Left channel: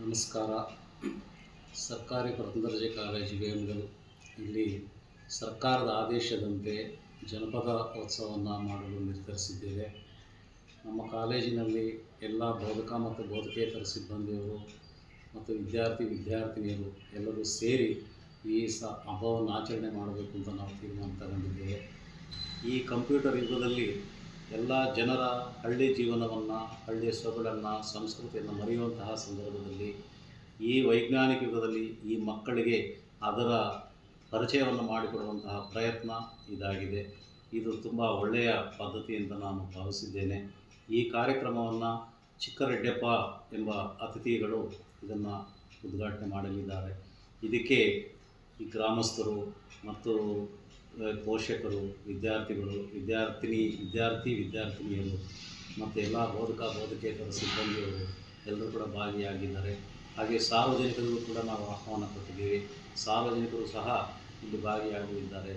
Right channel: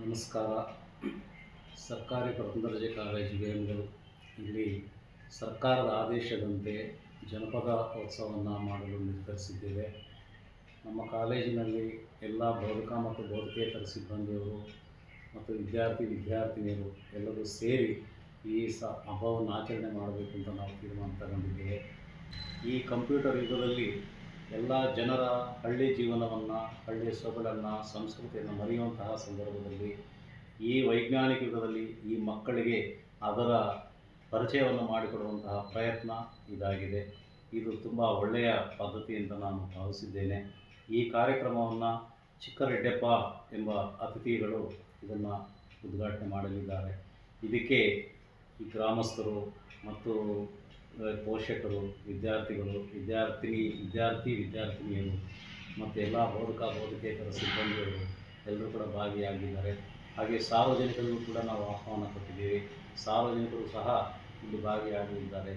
ನಮಸ್ಕಾರ. ಸರ್ಕಾರಿ ಪ್ರಥಮ ದರ್ಜೆ ಕಾಲೇಜು ವೇಮಗಲ್ ಇಲ್ಲಿ ಸರ್ಕಾರದ ಆದೇಶದಂತೆ ಜನಪದ ಉತ್ಸವವನ್ನು ಮಾಡಲು ನಿರ್ಧರಿಸಿದ್ದೇವೆ. ನಮ್ಮ ಕಾಲೇಜಿನಲ್ಲಿ ಎಲ್ಲ ಬೋಧಕ ಮತ್ತು ಬೋಧಕೇತರ ಸಿಬ್ಬಂದಿಯವರು ಮತ್ತು ವಿದ್ಯಾರ್ಥಿನಿಯರು ಎಲ್ಲರೂ ಸೇರಿ ಈ ಹಬ್ಬವನ್ನು ಆಚರಣೆ ಮಾಡಬೇಕು ಅಂತ ನಾವು ತೀರ್ಮಾನ ತಗೊಂಡಿದ್ದೇವೆ. ಈ ಕಂಪ್ಯೂಟರ್ ಯುಗದಲ್ಲಿ ಎಲ್ಲ ಜನರ ಹಳ್ಳಿ ಜೀವನವನ್ನು, ಹಳ್ಳಿಯ ಸೊಗಡನ್ನು, ಸಂಸ್ಕೃತಿಯನ್ನು ಮರೆಯುವಂತಹ ಸಂದರ್ಭದಲ್ಲಿ ಈ ವೈಜ್ಞಾನಿಕ ಯುಗದಲ್ಲಿ ಈ ಮಕ್ಕಳಿಗೆ ಅದರ ಪರಿಚಯವನ್ನು ಮಾಡಿಕೊಡುವಂತಹ ಪ್ರಯತ್ನ ಇದಾಗಿದೆ. ಇದು ತುಂಬ ಒಳ್ಳೆಯ ಪದ್ಧತಿ ಅಂತ ನಾನು ಭಾವಿಸಿದ್ದೇನೆ. ಈ ಕಾರ್ಯಕ್ರಮವನ್ನು ಚಿಕ್ಕರೆಡ್ಡಪ್ಪ ಎಂಬ ಅತಿಥಿಗಳು ಇದನ್ನು ಉದ್ಘಾಟನೆ ಮಾಡಲಿದ್ದಾರೆ. ಇದಕ್ಕೆ ಈ ಗ್ರಾಮಸ್ಥರು ಮತ್ತು ಪೋಷಕರು, ವಿದ್ಯಾರ್ಥಿಗಳು, ವಿದ್ಯಾರ್ಥಿನಿಯರು ಮತ್ತು ಎಲ್ಲ ಬೋಧಕೇತರ ಸಿಬ್ಬಂದಿಗಳು ಎಲ್ಲರೂ ಕೂಡ ಭಾಗಿಯಾಗಿದ್ದಾರೆ. ಹಾಗೆ ಸಾರ್ವಜನಿಕರಿಗೂ ಕೂಡ ನಾವು ಆಹ್ವಾನ ಕೊಟ್ಟಿದ್ದೇವೆ. ಸಾರ್ವಜನಿಕರು ಸಹ ಇಲ್ಲಿ ಭಾಗಿಯಾಗಲಿದ್ದಾರೆ.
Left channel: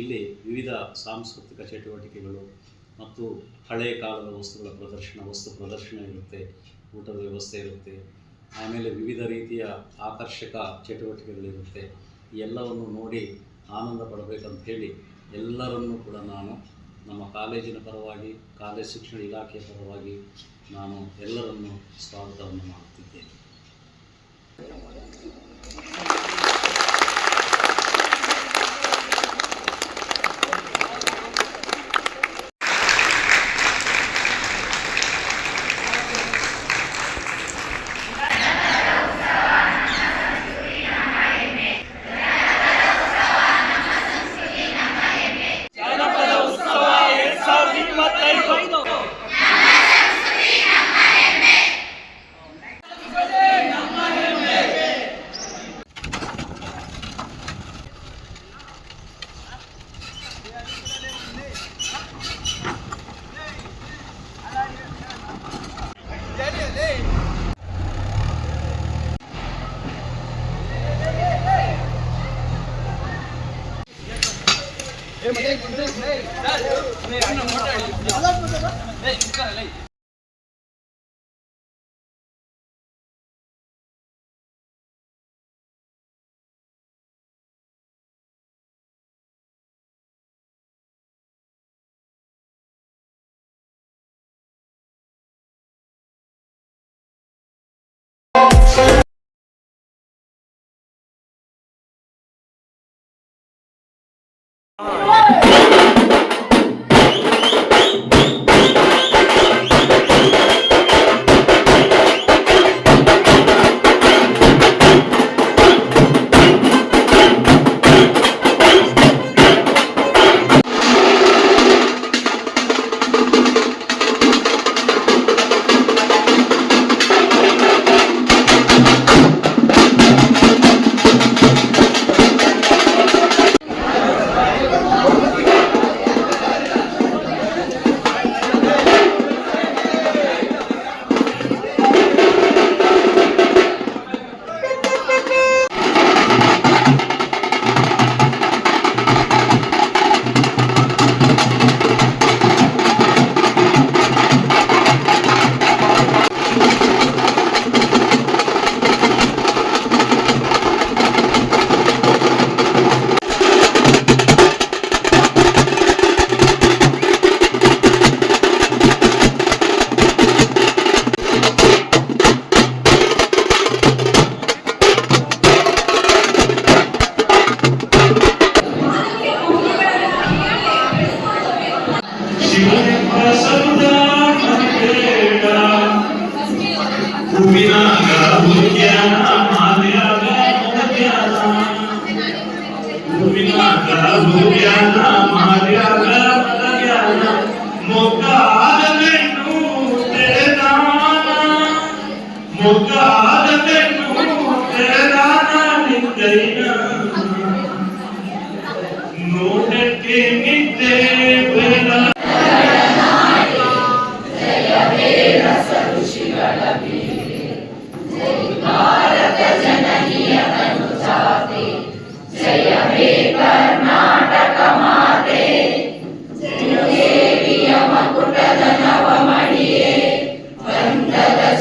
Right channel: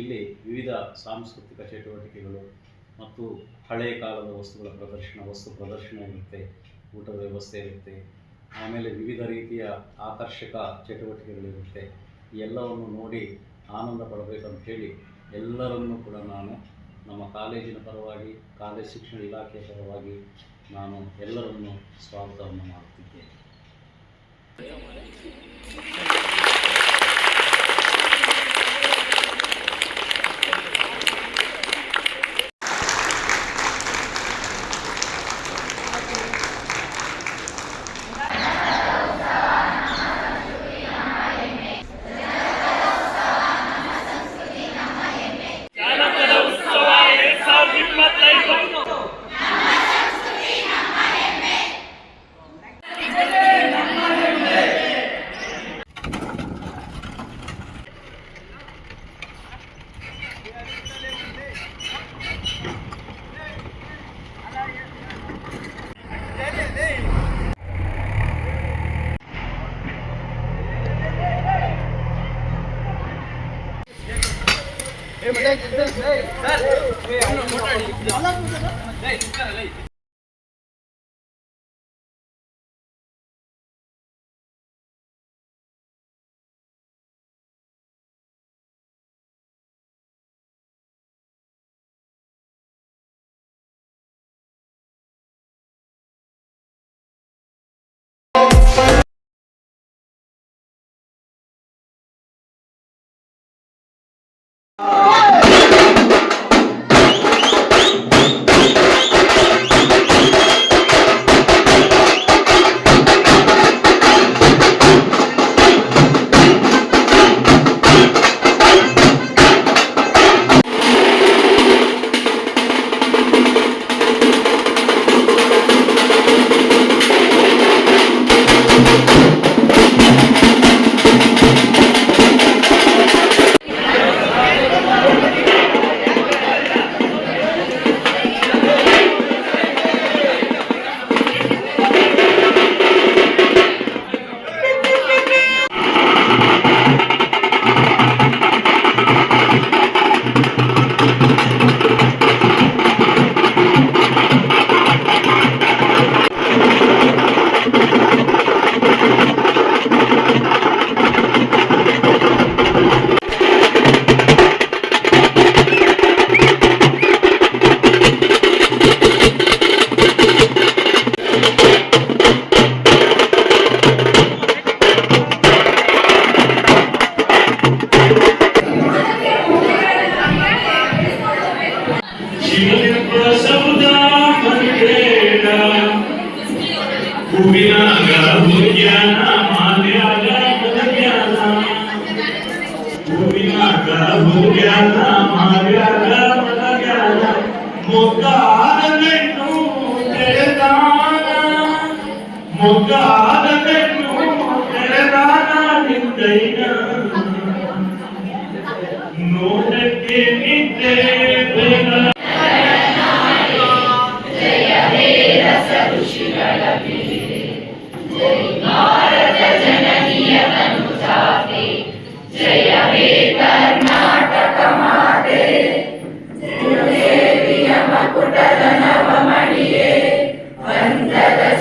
ಇಲ್ಲಿ ವಿವಿಧ ಸಾಂಸ್ಕೃತಿಕ ಚಟುವಟಿಕೆಗಳು ಮತ್ತು ಹಳೆಯ ಕಾಲದ ವಸ್ತು ಪ್ರದರ್ಶನ ಇರುತ್ತೆ, ಊಟದ ವ್ಯವಸ್ಥೆ ಇರುತ್ತೆ, ಆಮೇಲೆ ವಿವಿಧ ರೀತಿಯ ಆಕರ್ಷಕ ಚಟುವಟಿಕೆಗಳಿರುತ್ತೆ. ಎಲ್ಲವನ್ನು ನೋಡಿ ಆನಂದ ಪಡಬೇಕಂತ ಹೇಳಿ ಎಲ್ಲರನ್ನೂ ಕೂಡ ನಾನು ನಮ್ಮ ಕಾಲೇಜಿನ ಪರವಾಗಿ, ಕಾಲೇಜು ಶಿಕ್ಷಣ ಇಲಾಖೆಯ ಪರವಾಗಿ ನಾನು ಎಲ್ಲರನ್ನೂ ಸ್ವಾಗತವನ್ನು ಮಾಡುತ್ತಿದ್ದೇನೆ.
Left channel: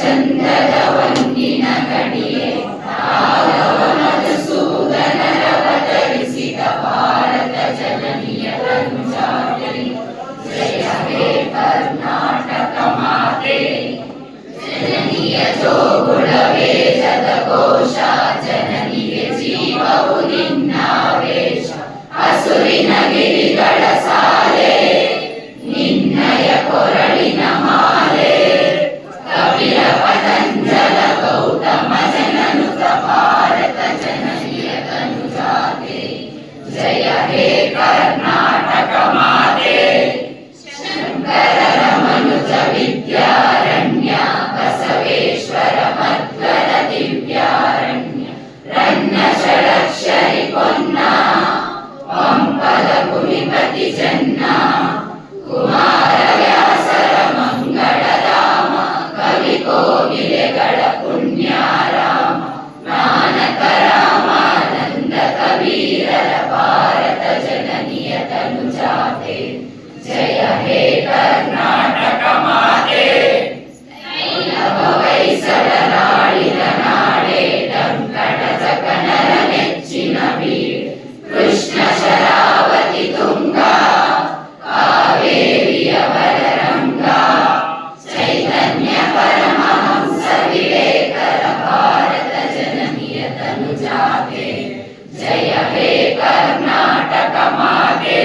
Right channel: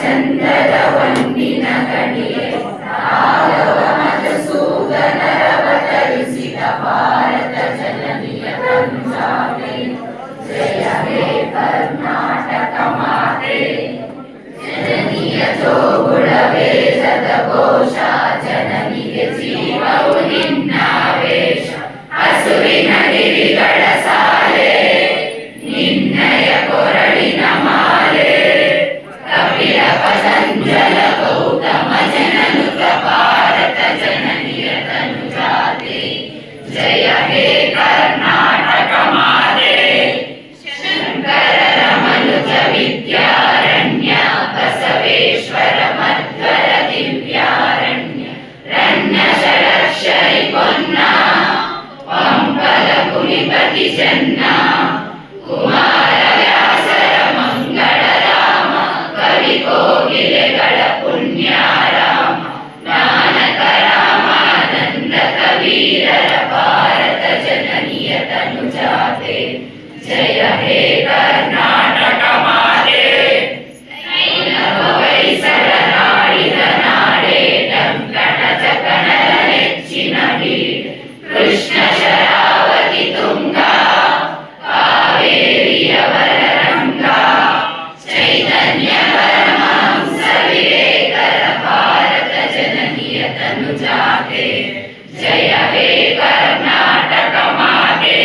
ಚಂದದ ವಂದಿನ ಕಡಿ ಘೋಷ ಜನನಿಗೆ ಜೀವವು ನಿನ್ನಾವೇಶ ಹಸುರಿನ ಗಿರಿಗಳ ಸಾಲೆ ನಿನ್ನಯ ಕೊರಳಿನ ಮಾಲೆ ಕಪಿಲ ಪತಂಜಲ ಗೌತಮ ಜನನುತ ಭಾರತ ಜನನಿಯ ತನುಜಾತೆ ಜಯ ಹೇ ಕರ್ನಾಟಕ ಮಾತೆ ಶಂಕರರ ಮನುಜ ವಿದ್ಯಾರಣ್ಯ ಬಸವೇಶ್ವರ ಮಧ್ವರ ದಿವ್ಯಾರಣ್ಯ ರಣ್ಯ ಷಡಕ್ಷರಿ ಪೊನ್ನ ಪಂಪಲ ಕುಲಿಪತಿ ಜನ್ನ ಕುಮಾರ ವ್ಯಾಸರ ಮಂಗಳ ರಾಮ ಕವಿ ಕೋಗಿಲೆಗಳ ಪುಣ್ಯ ರಾಮ ನಾನಕ ರಾಮಾನಂದ ಕಬೀರರ ಭಾರತ ಜನನಿಯ ತನುಜಾತೆ ಜಯ ಹೇ ಕರ್ನಾಟಕ ಮಾತೆ ವೈಸರ ನಾಡಿದ ನಾಡೆ ಡಂಕಣ ಜಗಣರ ನೆಚ್ಚಿನ ಬೀಡು ಕೃಷ್ಣ ಶರಾವತಿ ತುಂಗ ಕಾವೇರಿಯವರ ರಂಗ ಚೈತನ್ಯ ಪರಮಹಂಸ ವಿವೇಕರ ಭಾರತ ಜನನಿಯ ತನುಜಾತೆ ಜಯ ಹೇ ಕರ್ನಾಟಕ ಮಾತೆ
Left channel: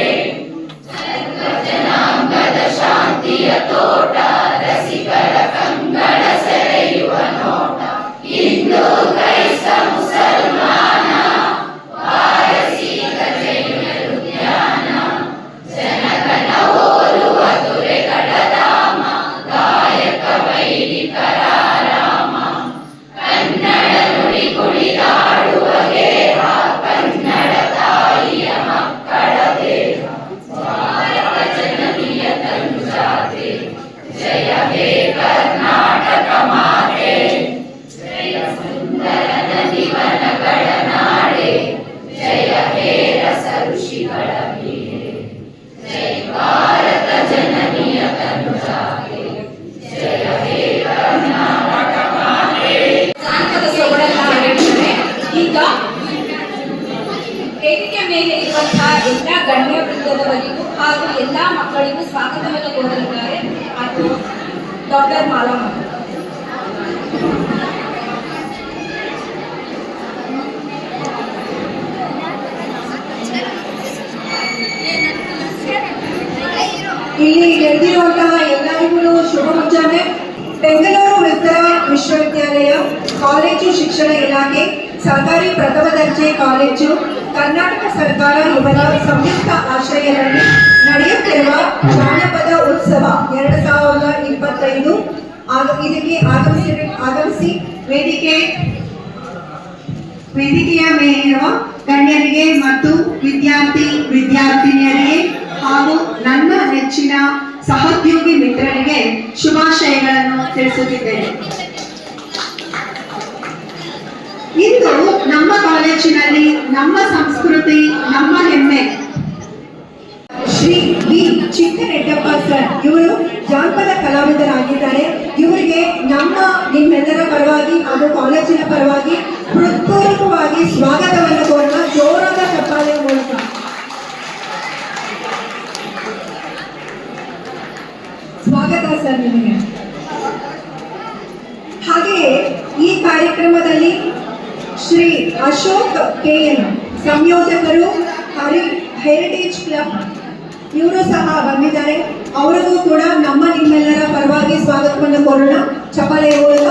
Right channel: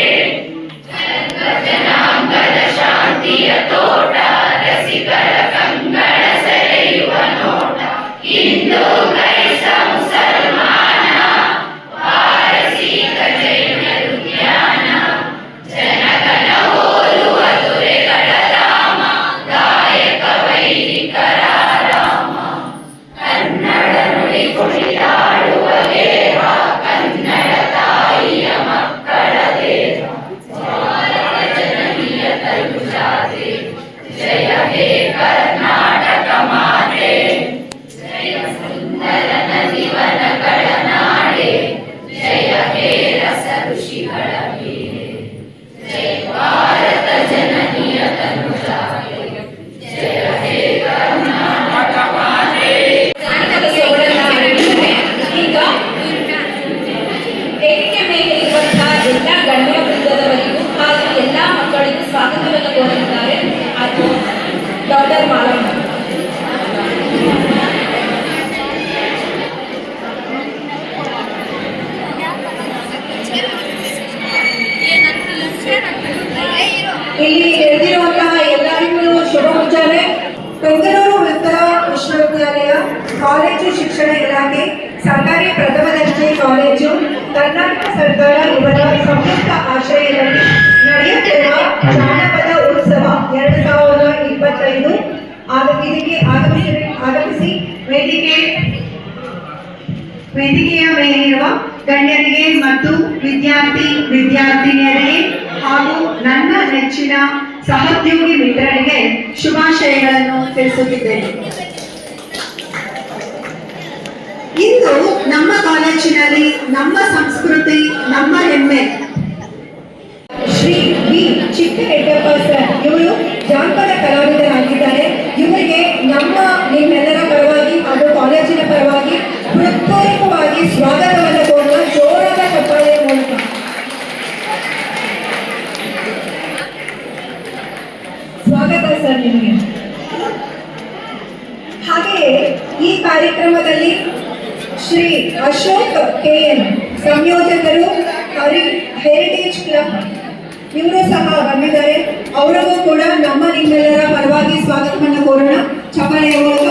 ಜನಾಂಗದ ಶಾಂತಿಯ ತೋಟ ರಸಿಗಳ ಕಂಗಳ ಸೆಳೆಯುವ ನೋಟ ಹಿಂದೂ ಕ್ರೈಸ್ತ ಮುಸಲ್ಮಾನ ಪಾರಸೀಕ ಜೈನರು ಜ್ಞಾನ ಜನಗಣ ಹೋಲುವ ದೊರೆಗಳ ಧಾಮ ಗಾಯಕ ವೈದಿಕರ ರಾಮ ಕನ್ನಡ ನುಡಿ ಕುಣಿದಾಡುವ ದೇವ ಕನ್ನಡ ತಾಯಿಯ ಮಕ್ಕಳ ದೇವ ಭಾರತ ಜನನಿಯ ತನುಜಾತೆ ಜಯ ಹೇ ಕರ್ನಾಟಕ ಮಾತೆ ಜಯ ಸುಂದರ ನದಿವನಗಳ ನಾಡೆ ಜಯ ಹೇ ರಸ ಋಷಿಗಳ ಬೀಡೆ ಜಯ ಭಾರತ ಜನನಿಯ ತನುಜಾತೆ ಜಯ ಹೇ ಕರ್ನಾಟಕ ಮಾತೆ. ಈಗ ವೇದಿಕೆ ಮೇಲೆ ಇರುವಂತಹ ಎಲ್ಲ ಗಣ್ಯ ವೃಂದದವರಿಗೂ ಹಾಗೂ ಎಲ್ಲ ಮಕ್ಕಳಿಗೂ ಸ್ವಾಗತವನ್ನು ಕೋರುತ್ತಾರೆ. ಅದು ಡಾಕ್ಟರ್ ಮಾಲಮ್ಮ. ಇಲ್ಲಿ ನೆರೆದಿರುವಂತಹ ಎಲ್ಲರಿಗೂ ಶುಭ ಮುಂಜಾನೆ. ಬೆಂಗಳೂರು ಉತ್ತರ ವಿಶ್ವವಿದ್ಯಾಲಯ ಕಾಲೇಜು ಶಿಕ್ಷಣ ಇಲಾಖೆ ಸರ್ಕಾರಿ ಪ್ರಥಮ ದರ್ಜೆ ಕಾಲೇಜು ಕರ್ನಾಟಕ ಸರ್ಕಾರ ಇವರ ಸಂಯುಕ್ತ ಆಶ್ರಯದಲ್ಲಿ ನಡೆಯುತ್ತಿರುವ ಜಾನಪದ ಉತ್ಸವ 2025 ಇದಕ್ಕೆ ಆಗಮಿಸಿ ವೇದಿಕೆಯ ಮೇಲಿರುವ ಗಣ್ಯರಿಗೆ ಮತ್ತು ವಿದ್ಯಾರ್ಥಿನಿಯರಿಗೆ ಹಾಗೂ ನನ್ನ ನೆಚ್ಚಿನ ಸಹೋದ್ಯೋಗಿ ಮಿತ್ರರಿಗೆ ಶುಭಾಶಯಗಳನ್ನು ತಿಳಿಸುತ್ತಿದ್ದೇನೆ. ಇಂದು ನಮ್ಮ ಕಾಲೇಜಿನಲ್ಲಿ ನಮ್ಮ ಸಂಸ್ಕೃತಿ ನಮ್ಮ ಹೆಮ್ಮೆ. ಶ್ರೀ ವಿ ಚಿಕ್ಕರೆಡ್ಡಪ್ಪ ಸರ್ ಇವರು ಜಾನಪದ ಕಲಾವಿದರಾಗಿದ್ದಾರೆ. ಇವರಿಗೆ ನಿಮ್ಮೆಲ್ಲರ ಪರವಾಗಿ ಹಾಗೂ ಕಾಲೇಜಿನ ಪರವಾಗಿ ಹೃತ್ಪೂರ್ವಕವಾಗಿ ಸ್ವಾಗತವನ್ನು ಕೋರುವ ಜೋರಾದ ಚಪ್ಪಾಳೆಯ ಮೂಲಕ. ಸ್ವಾಗತ ಸರ್ ನಿಮಗೆ. ಹಾಗೆಯೇ ಈ ಕಾರ್ಯಕ್ರಮದಲ್ಲಿ ಶ್ರೀ ಅಶೋಕ್ KN ಸಂಯೋಜಕರು ಹೆರಿಟೇಜ್ ಕ್ಲಬ್ ಇವರು ಸಹ ಬಂದಿದ್ದಾರೆ. ಅವರಿಗೂ ಕೂಡ ನಿಮ್ಮೆಲ್ಲರ ಪರವಾಗಿ ಸ್ವಾಗತವನ್ನು ಕೋರೋಣ ಚಪ್ಪಾಳೆಯ ಮೂಲಕ.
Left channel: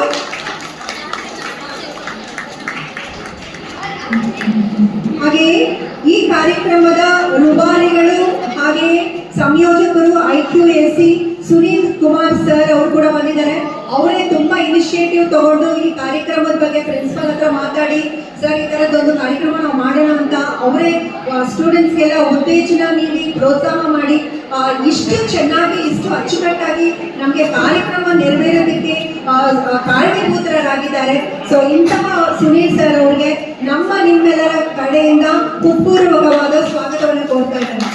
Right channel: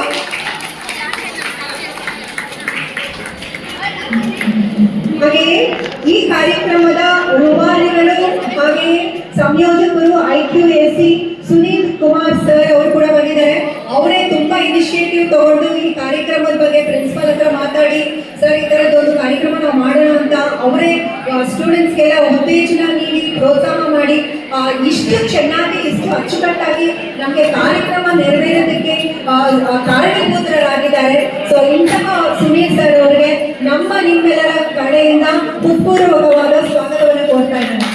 ಹಾಗೆಯೇ ಈ ಕಾರ್ಯಕ್ರಮದ ರೂವಾರಿಗಳು ಹಾಗೆಯೇ ಸಂಯೋಜಕರು IQAC ಸುನೀಲ್ ಕುಮಾರ್ ಸರ್ ಅವರು ಕೂಡ ಬಂದಿದ್ದಾರೆ. ಅವರೇ ತುಂಬಾ ಇನಿಷಿಯೇಟಿವ್ ತಗೊಂಡು ಈ ಕಾರ್ಯಕ್ರಮದ ಬಗ್ಗೆ ಪ್ರಿನ್ಸಿಪಲ್ ಹತ್ರ ಮಾತಾಡಿ ಸರ್ ಈ ಥರದ್ದೊಂದು ಕಾರ್ಯಕ್ರಮ ನಾವು ಮಾಡೋಣ ಅಂತ ಅವರೇ ಸ್ಟೂಡೆಂಟ್ಸ್ಗೆಲ್ಲ ಉತ್ತೇಜನ ನೀಡಿ ಪ್ರೋತ್ಸಾಹ ಮಾಡಿ ಇಷ್ಟು ಚೆನ್ನಾಗಿ ಇಷ್ಟು ಅಚ್ಚುಕಟ್ಟಾಗಿ ನಮಗೆ ಕಾರ್ಯಕ್ರಮ ನೆರವೇರೋದಕ್ಕೆ ಕಾರಣೀಭೂತರಾಗಿದ್ದಾರೆ. ಸೊ ಇಂತಹ ಸುನೀಲ್ ಸರ್ ಅವರಿಗೆ ನಿಮ್ಮೆಲ್ಲರ ಕಡೆಯಿಂದ ಹೃತ್ಪೂರ್ವಕವಾದ ಸ್ವಾಗತವನ್ನು ಕೋರ್ತಾ ಇದ್ದಾರೆ.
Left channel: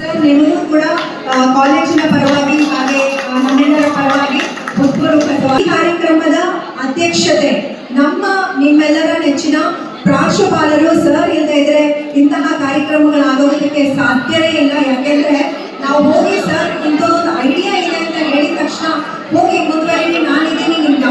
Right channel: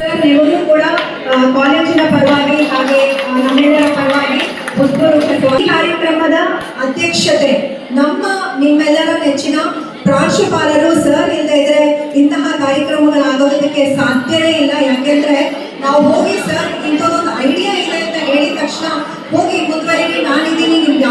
ಸರ್ ನಿಮಗೂ ಕೂಡ ಕಾಲೇಜಿನ ಪರವಾಗಿ ಹಾಗೆ ನಮ್ಮೆಲ್ಲರ ಪರವಾಗಿ ಹೃತ್ಪೂರ್ವಕವಾಗಿ ಕಾರ್ಯಕ್ರಮದ ಅಧ್ಯಕ್ಷತೆ ನಿಮ್ಮೆಲ್ಲರ ನೆಚ್ಚಿನ ಪ್ರಾಂಶುಪಾಲರು ಸರ್ ಇಲ್ಲದೆ ಇದ್ರೆ ಇಂತಹ ಕಾರ್ಯಕ್ರಮಗಳಾಗೋದಕ್ಕೆ ಸಾಧ್ಯವೇ ಇಲ್ಲ. ಯಾಕೆಂದ್ರೆ ನಾವು ಹೋಗಿ ಸರ್ ಇಂಥದ್ದೊಂದು ಐಡಿಯಾ ಇದೆ ಅಂತ ಹೇಳಿದ ತಕ್ಷಣ ಹೋಗಿ ಮುಂದುವರಿರಿ ನಾನಿದ್ದೀನಿ ನಿಮ್ಗೆ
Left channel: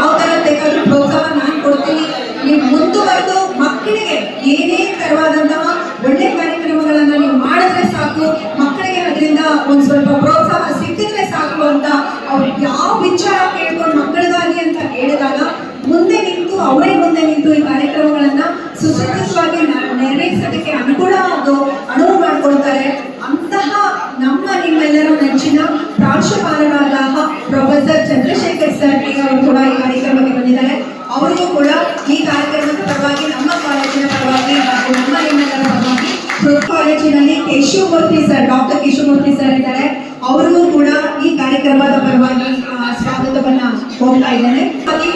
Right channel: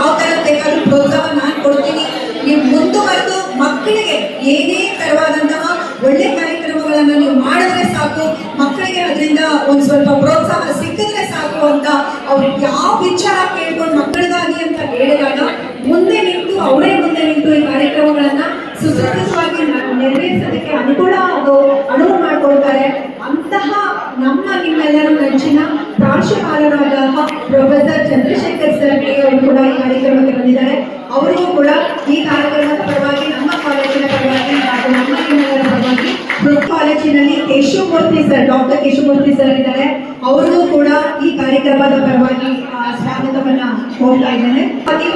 ಶಿವಮೂರ್ತಿ ಸರ್ ಇದ್ದಾರೆ, ಅವರಿಗೂ ಕೂಡ ಈ ಕಾರ್ಯಕ್ರಮದ ಪರವಾಗಿ ಸ್ವಾಗತವನ್ನ ಕೋರ್ತಾ ಇದ್ದೇನೆ. ಹಾಗೆ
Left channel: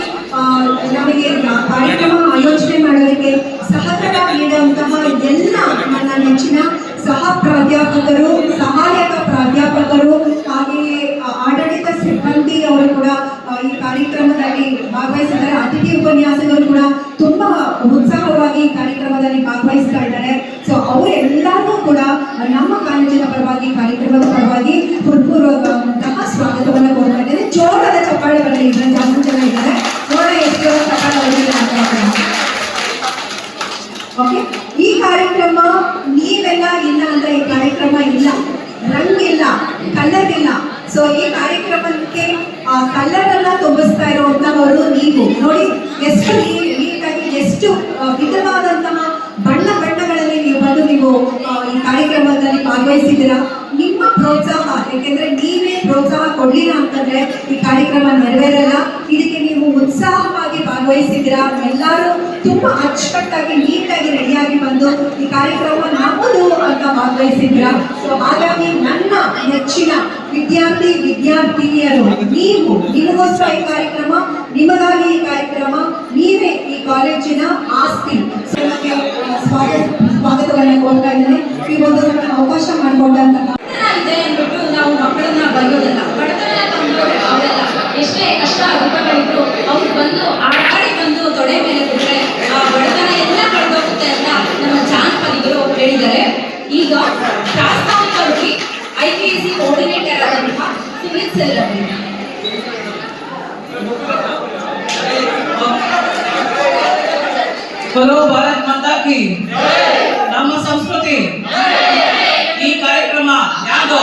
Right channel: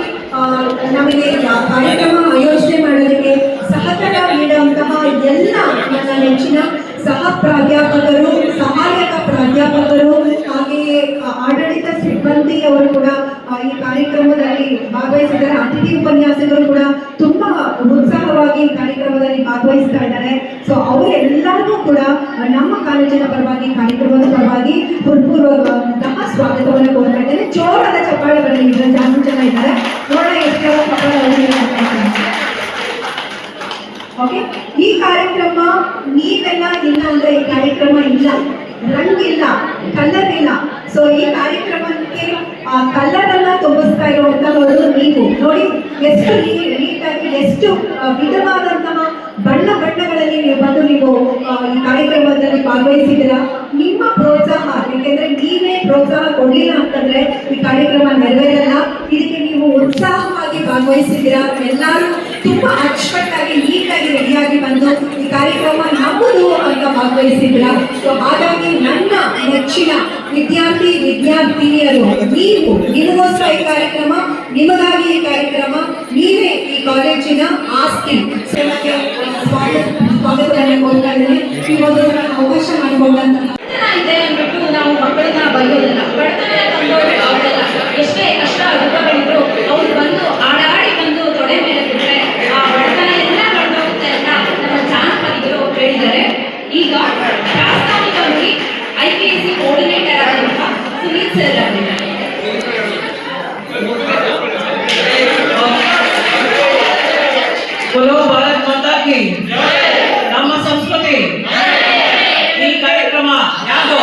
ನಮಗೆ ಕಾರ್ಯಕ್ರಮ ಆಯೋಜನೆ ಮಾಡೋದಕ್ಕೆ ಸಹಕಾರ ನೀಡುವಂತಹ ಎಲ್ಲ ನನ್ನ ನೆಚ್ಚಿನ ಸಹ ಪ್ರಾಧ್ಯಾಪಕರು, ಸಹಾಯಕ ಪ್ರಾಧ್ಯಾಪಕರು, ಹಾಗೆಯೇ ಆಡಳಿತ ಸಿಬ್ಬಂದಿ ಅವರು ಕೂಡ ಈ ಕಾರ್ಯಕ್ರಮದಲ್ಲಿ ಭಾಗವಹಿಸಿದ್ದಾರೆ. ಅತಿಥಿ ಉಪನ್ಯಾಸಕರು ಕೂಡ ತುಂಬಾ ಉತ್ಸಾಹವಾಗಿ ಈ ಕಾರ್ಯಕ್ರಮದಲ್ಲಿ ಭಾಗವಹಿಸ್ತಾ ಇದ್ದಾರೆ. ಸೊ ಅವರೆಲ್ಲರಿಗೂ ಕೂಡ ನಮ್ಮ ಕಾಲೇಜಿನ ಪರವಾಗಿ, ಕಾರ್ಯಕ್ರಮದ ಪರವಾಗಿ ಹೃತ್ಪೂರ್ವಕವಂತಹ ಸ್ವಾಗತವನ್ನು ಕೋರ್ತಾ ಇದ್ದೇನೆ. ಜೋರದ ಚಪ್ಪಾಳೆಗಳಲ್ಲಿ ಇದ್ದಾರೆ, ಜಾಸ್ತಿ ಜನ ಇದ್ದಾರೆ, ನೋಡ ಎಷ್ಟು ಚಪ್ಪಾಳೆ. ಓಕೆ, ಈ ಕಾರ್ಯಕ್ರಮ ನೀವೆಲ್ಲ ಇಲ್ಲ ಅಂದ್ರೆ ಈ ಕಾರ್ಯಕ್ರಮ ಇಲ್ಲ, ರಂಗಿಲ್ಲ, ಕಲರ್ ಇಲ್ಲ. ಸೊ ಈ ಕಾರ್ಯಕ್ರಮಕ್ಕೆ ಕಲರ್ ಅನ್ನ ತುಂಬಿಸ್ತಾ ಇರುವಂತಹವರು ನೀವು ನೋಡಿ, ಎಷ್ಟು ನೀಟಾಗಿ, ಎಷ್ಟು ವಿಧವಾದಂತಹ ಬಣ್ಣಗಳಲ್ಲಿ ನೀವು ಬಂದು ನೀವು ಈ ಕಾರ್ಯಕ್ರಮದಲ್ಲಿ ಭಾಗವಹಿಸಿದ್ದೀರಾ. ನಿಮ್ಮ ಪ್ರೋತ್ಸಾಹ, ಯಾಕೆಂದ್ರೆ ನೀವೇ ಪ್ರೋತ್ಸಾಹ ಕೊಡ್ಲಿಲ್ಲ ಅಂತಂದ್ರೆ ಈ ಕಾರ್ಯಕ್ರಮ ನೆರವೇರಲ್ಲ. ಇದಕ್ಕೆ ನೀವು ಉತ್ಸಾಹವಾಗಿ ಭಾಗವಹಿಸಿದ್ದೀರಾ. ಎಲ್ಲರೂ ತುಂಬಾ ಅಚ್ಚುಕಟ್ಟಾಗಿ, ನೀಟಾಗಿ ರೆಡಿಯಾಗಿ ಬಂದು ಈ ಕಾರ್ಯಕ್ರಮ ನಮ್ಮದು ಅಂತ ಭಾಗವಹಿಸಿದ್ದೀರಾ. ಸೊ ಹಾಗಾಗಿ ನನ್ನ ನೆಚ್ಚಿನ ವಿದ್ಯಾರ್ಥಿನಿಯರು, ನೀವು, ನಿಮಗೋಸ್ಕರ ಈ ಕಾರ್ಯಕ್ರಮ, ನಿಮಗಾಗಿ ಈ ಕಾರ್ಯಕ್ರಮ, ನೀವೇ ಈ ಕಾಲೇಜಿನ ಆಸ್ತಿ. ಸ್ವಾಗತವನ್ನು ಕೋರ್ತಾ ಇದ್ದೇನೆ. ಈ ಒಂದು ಅವಕಾಶ ಮಾಡಿಕೊಂಡಂತಹ ಇದೆ ಅಂದ್ಬಿಟ್ಟು ನಾವು ಮಕ್ಕಳನ್ನ ಬರೆಯೋದಿಲ್ಲ, ಬಡತನ ಬಂದವರು ಅವರೆಲ್ಲ ಎಷ್ಟೇ ಕಷ್ಟ ದುಃಖಗಳಿದ್ರು ಅವ್ರು ಬಂದು ಆಡಾಡಿ ಬಂದು ತೊಡೆ ಮೇಲೆ ಬಿಟ್ಟರೆ ಆ ಬಡತನ ಎಲ್ಲ ಕಳೆದೋಗುತ್ತೆ ಅಂತ ನಮ್ಮ ಜಾನಪದಿಗಳು ಹೇಳಿದ್ದಾರೆ. ಈಗ ಪ್ರಾಸ್ತಾವಿಕವಾಗಿ IPSC ಕೋಆರ್ಡಿನೇಟರ್ ಆದಂತಹ ಸುನೀಲ್ ಸರ್ ಅವರಿಗೆ बोलो भारत माता की, ನಮ್ಮ ಸಂಸ್ಕೃತಿ. ಈ ಕಾರ್ಯಕ್ರಮ ಯಾರ್ದೋ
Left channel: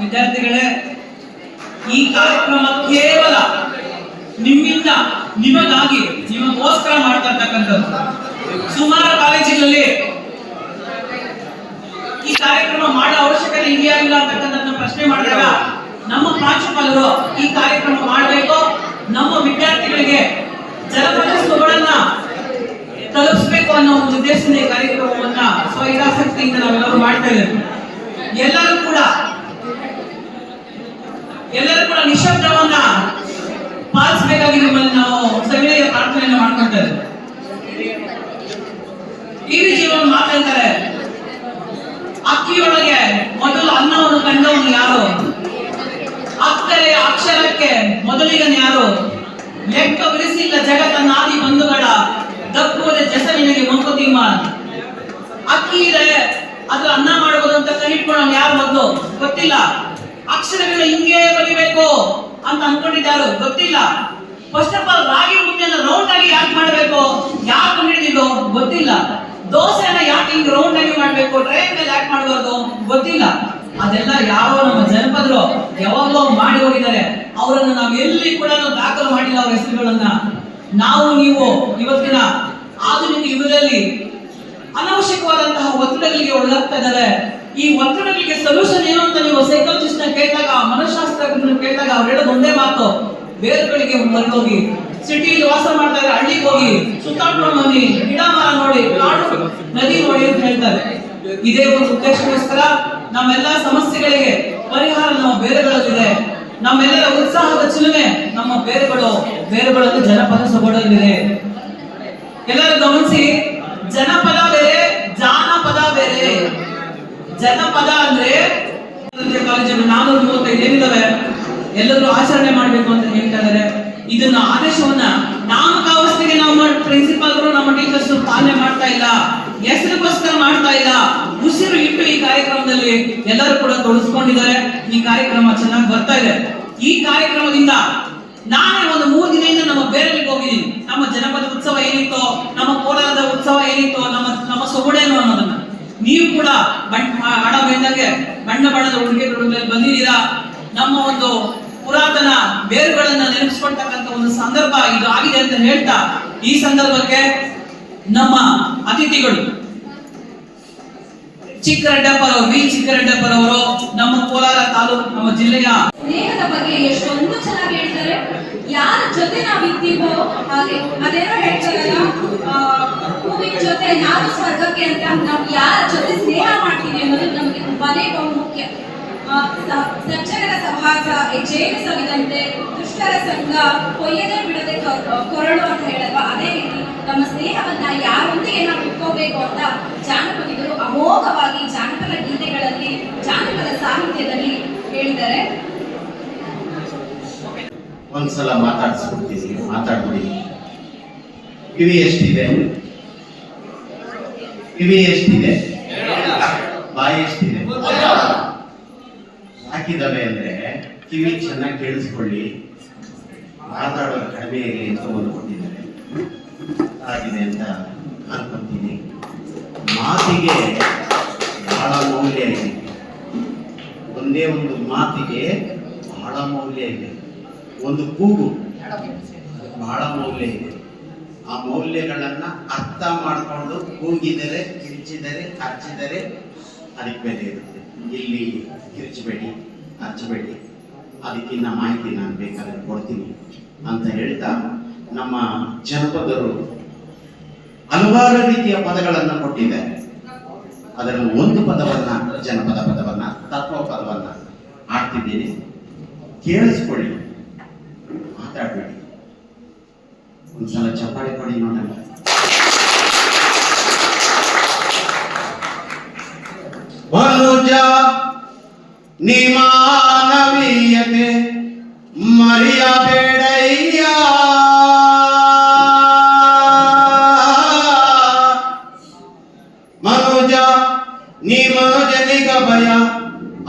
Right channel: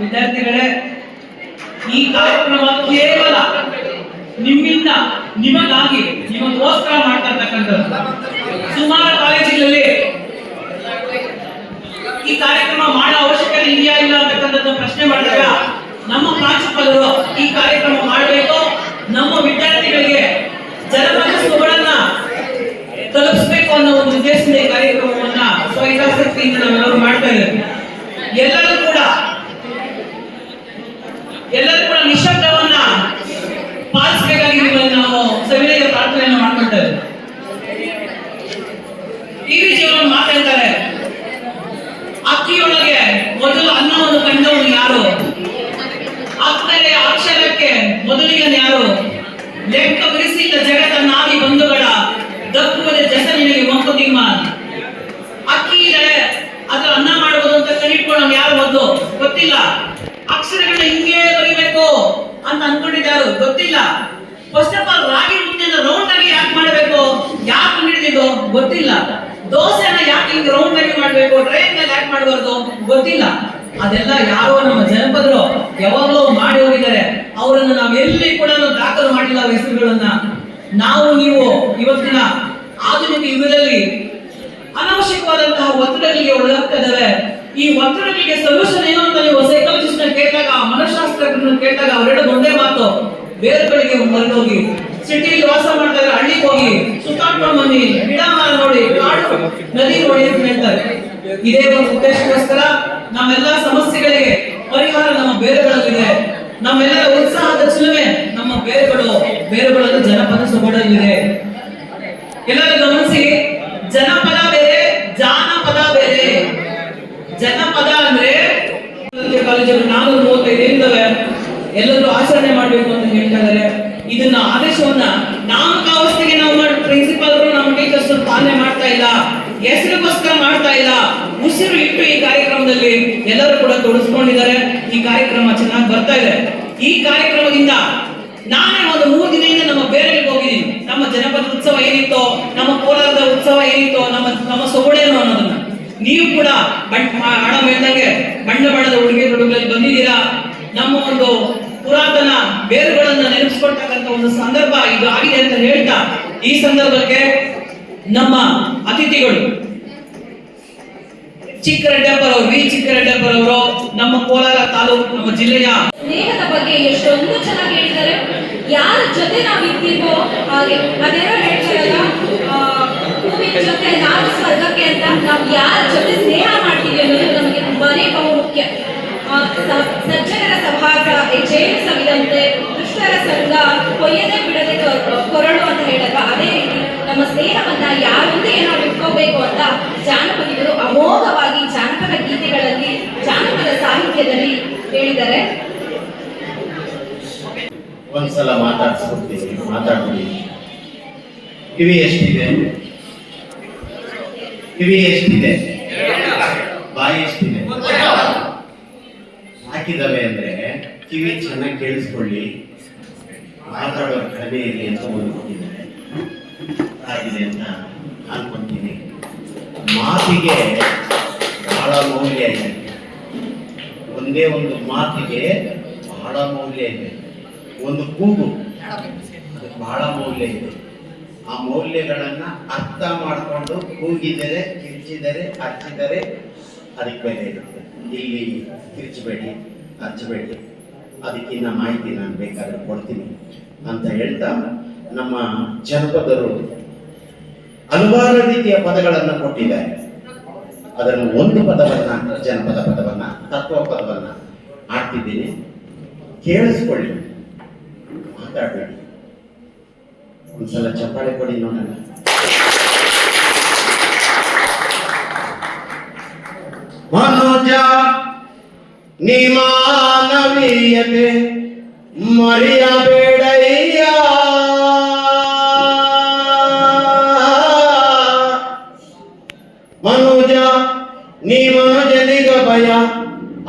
ವಿದ್ಯಾರ್ಥಿಗಳೇ, ಈ ಕಾರ್ಯಕ್ರಮ ಕೇವಲ ನಿಮ್ಮಿಂದ, ನಿಮಗಾಗಿ, ನಿಮಗೋಸ್ಕರ ಮಾಡ್ತಾ ಇರ್ತಕ್ಕಂಥದ್ದು. ಸುಮಾರು ಕಾಲೇಜುಗಳಲ್ಲಿ ಈ ಕಾರ್ಯಕ್ರಮ ಮಾಡೋ ಅವಶ್ಯಕತೆ ಇದೆಯಾ ಇಲ್ಲ ಅಂತಕ್ಕಂಥದ್ದು ಪ್ರಶ್ನೆ ಮಾಡಿದಾಗ ನಮ್ಮ ಪ್ರಾಂಶುಪಾಲರು ಈ ಕಾರ್ಯಕ್ರಮ ಮಾಡಬೇಕು, ನಮ್ಮ ವಿದ್ಯಾರ್ಥಿಗಳಿಗೆ ಜನಪದ ಸೊಗಡನ್ನ ತಲುಪಿಸಬೇಕು ಅನ್ನೋ ಒಂದು ಉದ್ದೇಶದಿಂದ ಈ ಕಾರ್ಯಕ್ರಮವನ್ನ ಸ್ವಹಿತಾಸಕ್ತಿಯಿಂದ ನಾವೆಲ್ಲರೂ ಮಾಡ್ತಾ ಇದ್ದೇವೆ. ಎಲ್ಲರೂ ಕೂಡ ನಿಶಬ್ದವನ್ನ ಪಾಲಿಸಬೇಕಾಗಿ ನಿಮ್ಮಲ್ಲಿ ನಾವು ಸವಿನಯ ಪ್ರಾರ್ಥನೆಯನ್ನು ಮಾಡ್ಕೊಳ್ತಾ ಇದ್ದೇವೆ. ಜೀವನ ಮಾತಾಡ್ತಾರೆ, ಅಕ್ಕಿಯೊಳಗೆ ಮೊದಲು ಅನ್ನವನ್ನು ಕಂಡವನು ಯಾರು, ಅಕ್ಕರೆ ಅಕ್ಷರಕ್ಕೆ ಮೊದಲಿಗನು ಯಾರು, ಲೆಕ್ಕ ಬಿಡಿಸಿಲ್ಲ ಜಗತ್ತನ್ನಾದಿ ಬಂಧುಗಳ ದಪ್ಪುವುದೇ ಜಸಲಿನಲ್ಲಿ ಮಂಕುತಿಮ್ಮ. ಅಕ್ಕಿ ಇದೆ, ಅದ್ರ ಅನ್ನ ಮಾಡುವುದು ಅಂತ ಕಣಿಟ್ಕೊಳ್ಳೋನು ಯಾರು ಮೊದಲು ಗೊತ್ತಿಲ್ಲ. ಅಕ್ಷರಗಳನ್ನ ಹಿಂಗೇ ಬರಿಬೇಕು ಅಂತ ಅನ್ಕೊಂಡಿದ್ದಾರು ಗೊತ್ತಿಲ್ಲ. ಫಸ್ಟ್ ಆಫ್ ಆಲ್ ರಾಗಿ ಮುದ್ದೆನ ರೌಂಡ್ ಆಗಿ ಯಾಕೆ ಮಾಡಬೇಕು, ಯಾಕೆ ಕಂಡಿಡಿದಿದ್ದು ಗೊತ್ತಿಲ್ಲ. ದೋಸೆನ ಯಾಕೆ ಹಿಂಗೆ ರೌಂಡ್ ಆಗಿ ಮಾಡಬೇಕು, ಟ್ರೈನ್ ಮೇಲೆ ಯಾಕೆ ಮಾಡಬಾರ್ದು ಗೊತ್ತಿಲ್ಲ. ಅದೆಲ್ಲ ಯಾರೋ ನಮ್ಮ ಜನಪದರು ಯಾವಾಗಲೂ ಮಾಡಿ ಹೋಗಿದ್ದಾರೆ. ಅವರನ್ನು ನಾವು ಎಲ್ಲಿ ಕೂಡ ದಾಖಲು ಮಾಡಿಲ್ಲ ಅವರ ಹೆಸರುಗಳನ್ನ. ನಾವು ನೀವು ಇವತ್ತಿನ ಆಧುನಿಕ ಯುಗದಲ್ಲಿ ಅನವಶ್ಯಕವಾದಂತಹ ಒತ್ತಡಗಳಿಗೆ ಒಳಗಾಗ್ತಾ ಇದ್ದಾರೆ. ಈ ಒತ್ತಡಗಳಿಗೆ ಸೊಲ್ಯೂಷನ್ ಏನು ಅಂತ ನೀವು ಸೈಕಾಲಜಿಸ್ಟ್ ಕೇಳಿದಾಗ, ಮನಃಶಾಸ್ತ್ರಜ್ಞರನ್ನ ಕೇಳಿದಾಗ ಅವರೆಲ್ಲ ಒಂದೇ ಮಾತು, ಬೇರುಗಳಿಗೆ ಮರಳೋಗಿ, ಸಿಟಿಯಲ್ಲಿ ವಾಸ ಮಾಡ್ತಾ ಇದ್ರೆ ಹಳ್ಳಿಗೆ ಹೋಗಿ ಸುತ್ತಾಡ್ಕೊಂಡು ಬನ್ನಿ, ಗಿಡ ಮರ ನೋಡಿ, ಕಾಡು ನದಿ ನೋಡಿ ಅಂತ ಹೇಳ್ತಾರೆ. ಇದೇ ಒಂದು ಉದ್ದೇಶಕ್ಕೋಸ್ಕರ ನಮ್ಮೆಲ್ಲ ಸಮಸ್ಯೆಗಳಿಗೆ ಪರಿಹಾರ ನಮ್ಮ ಬೇರುಗಳಲ್ಲಿದೆ. ನಮ್ಮೆಲ್ಲರ ಉತ್ಸಾಹದ ಚಿಲುಮೆ ನಮ್ಮ ಬೇರುಗಳಲ್ಲಿ ಜನಪದ ಸೊಗಡಲ್ಲಿದೆ. ಎಲ್ಲರೂ ಗಮನಿಸಿ, ಜನಪದ ಬೇರೆ, ಜಾನಪದ ಬೇರೆ. ಜನಪದ ಅಂದ್ರೆ ಕಾಲೇಜಲ್ಲಿ 435 ಏನಿದಾವೆ ಎಲ್ಲರೂ ಆಚರಣೆ ಮಾಡ್ಬೇಕು ಅಂತ ಹೇಳ್ತಾ ಇದ್ದಾರೆ. ಇದನ್ನ ಆದೇಶವನ್ನ ನಾಮಕಾವಸ್ಥೆಗೆ ನಾವು ಪ್ರಿನ್ಸಿಪಾಲ್ರು, ನಮ್ಮ ಟೀಚರ್ಸ್ ಪಾಲನೆ ಮಾಡ್ತಾ ಇಲ್ಲ, ಹೆಸರಿಗೋಸ್ಕರ ಮಾಡ್ತಾ ಇಲ್ಲ. ಉಸಿರು ಇಟ್ಟು ಈ ಕಾರ್ಯಕ್ರಮದಲ್ಲಿ ಎಲ್ಲರೂ ಕೂಡ ತೊಡಗಿಸ್ಕೊಂಡಿದ್ದಾರೆ. ಈ ಕಾರ್ಯಕ್ರಮ ಚೆನ್ನಾಗಿ ಬರ್ತಾ ಇದೆ. ಈ ಕಾರ್ಯಕ್ರಮದಿಂದ ನಾನೇ ಒಂದು 3 ದಿನದಿಂದ ನಮ್ಮ ಬೇರೆಗಳಿಗೆ ಹೋಗಿದ್ದೀನಿ. ನಮ್ಮ ಜನಪದ ಉತ್ಸವ ಏನಿತ್ತೋ, ನಮ್ಮ ಕೋಲಾರದ ಉತ್ಸವ ಏನಿತ್ತೋ, ನಮ್ಮ ಸೊಗಡೇನು ಅನ್ನೋದನ್ನ ನೀವು ಕೂಡ ಹಣ ಬೆಳೆದಂಗೆ ಬಣ್ಣದ ಉಡುಗೆ ತೊಡುಗಳಲ್ಲಿ ಬಂದಿದ್ದೀರಾ. ನಮ್ಮ ಒಂದು ಪುರಾತನ ಬೇರುಗಳನ್ನ ನೆನಪಿಸ್ಕೊಳ್ತಕ್ಕಂಥ ಒಂದು ಸಂದರ್ಭ ಇದು ಆಗಿದೆ ಅಂತ ಹೇಳ್ತಾ, ಈ ಸಂದರ್ಭಕ್ಕೆ ನಮ್ಮ ಅತಿಥಿಗಳು ಚಿಕ್ಕರೆಡ್ಡಪ್ಪರವರು, ವಿ ಚಿಕ್ಕರೆಡ್ಡಪ್ಪರವರು ನಮ್ಮ ಕೋಲಾರ ತಾಲೂಕು, ನಮ್ಮ ಜಿಲ್ಲೆಯ ಸ್ನೇಹದ ಬಗ್ಗೆ ಎಷ್ಟೊಂದು ಚೆನ್ನಾಗಿ ಹೇಳಿದ್ದಾರೆ. ಯಾರ ಜೊತೆ ನಾವು ಇದ್ದೀವೋ ಹಾಗೆ ಅದೇನೋ ಹೇಳ್ತಾರಲ್ಲ, ಹೂವಿನ ಜೊತೆ ನಾನು ಸ್ವರ್ಗಕ್ಕೆ ಅಂತ. ನಾವು ಯಾರ ಜೊತೆ ಸ್ನೇಹ ಮಾಡ್ತೀವಿ ಅನ್ನೋದು ನಮಗೆ ತುಂಬಾನೇ ಬಹುಮುಖ್ಯ. ಸಜ್ಜನರ ಸಹವಾಸ ಜೇನು ಸವಿದಂತೆ, ದುಷ್ಟರ ಸಂಗ ಕೊಯ್ಯದೆ ಬಿಡದೆ ಕೊರಳು ಅಂತ ಹೇಳಲ್ವಾ, ಅದೇ ರೀತಿ ನಮ್ಮ ಸ್ನೇಹವನ್ನ ಯಾರೊಂದಿಗೆ ನಾವು ಇಟ್ಕೋಬೇಕು ಅಂತ ಜಾನಪದಿಗಳು ಅಮೋಘವಾಗಿ ಜಾನಪದ ಗೀತೆಗಳಲ್ಲಿ, ಜಾನಪದ ಸಾಹಿತ್ಯದಲ್ಲಿ ಹೇಳಿದ್ದಾರೆ. ಒಂದ್ಸಲ ಮಾತಾಡ್ಬಿಡಿ. ಕಿವಿ ಎಷ್ಟಿದೆ? ಬಾಯಿ ಎಷ್ಟಿದೆ? ಹಾಕಿದವೆ ಅಂದ್ರೆ ಕಿವಿ ಚೆನ್ನಾಗಿ ಕೇಳಿಸ್ಕೊಳ್ಳಿ, ಮಾತಾಡೋದು ಕಡಿಮೆ ಇರಲಿ ಅಂತ ಅಂದ್ಕೊಂಡಿದ್ದಾರೆ. ಆಗಿದೆ ಅಂತ ಅನ್ಕೊಂತೀನಿ. ಮಾತಿಗೆ ಬಹಳ ಮೌಲ್ಯ ಇದೆ. ಒಂದೇ ಒಂದು ಮಾತಿಗೆ ಬಹಳ ಮೌಲ್ಯ ಇದೆ. ಒಂದು ಕೂಗು ಅದಕ್ಕೆ ಬಹಳ ಮೌಲ್ಯ ಇದೆ. ಆ ಮೌಲ್ಯಗಳನ್ನ ಅರ್ಥ ಮಾಡಿಕೊಂಡು ಕೂಗಿದರೆ, ಕಿರ್ಚಿದರೆ, ಅರ್ಚಿದರೆ ಅದಕ್ಕೆ ಬೆಲೆ ಇರುತ್ತೆ. ಇಲ್ಲಿ ಕಿರ್ಚಬೇಡಿ, ಅರ್ಚಬೇಡಿ, ಅದಕ್ಕಿನ್ನ ಮಾಹಿತಿ ನಾನು ಬೇಕಾದ್ರೆ ಕೊಡ್ತೀನಿ ಅಂತ ಹೇಳ್ತಾ, ನಮ್ಮ ಜನಪದರು ಹಲವಾರು ರೀತಿಯ ಪದಗಳನ್ನು ಕೊಟ್ಟಿದ್ದಾರೆ. ಅದನ್ನು ಒಂದು ಪದವನ್ನ, ಜನಪದ ಪದವನ್ನ, ತತ್ವ ಪದವನ್ನ ಆಡ್ತಿದ್ದೀನಿ, ಕೇಳಿಸ್ಕೊಳ್ಳಿ, ಮಾತಾಡಬೇಡಿ. ಒಂದ್ಸಲ ಚಪ್ಪಾಳೆ ಕೊಡಿ ನೋಡೋಣ. ಮನುಜ ನೀ ಮಾನವೀಯತೆ ಮರೆಯಬೇಡಯ್ಯ, ಮನುಜ ನೀ ಮನುಜನಿಗ ಭಯ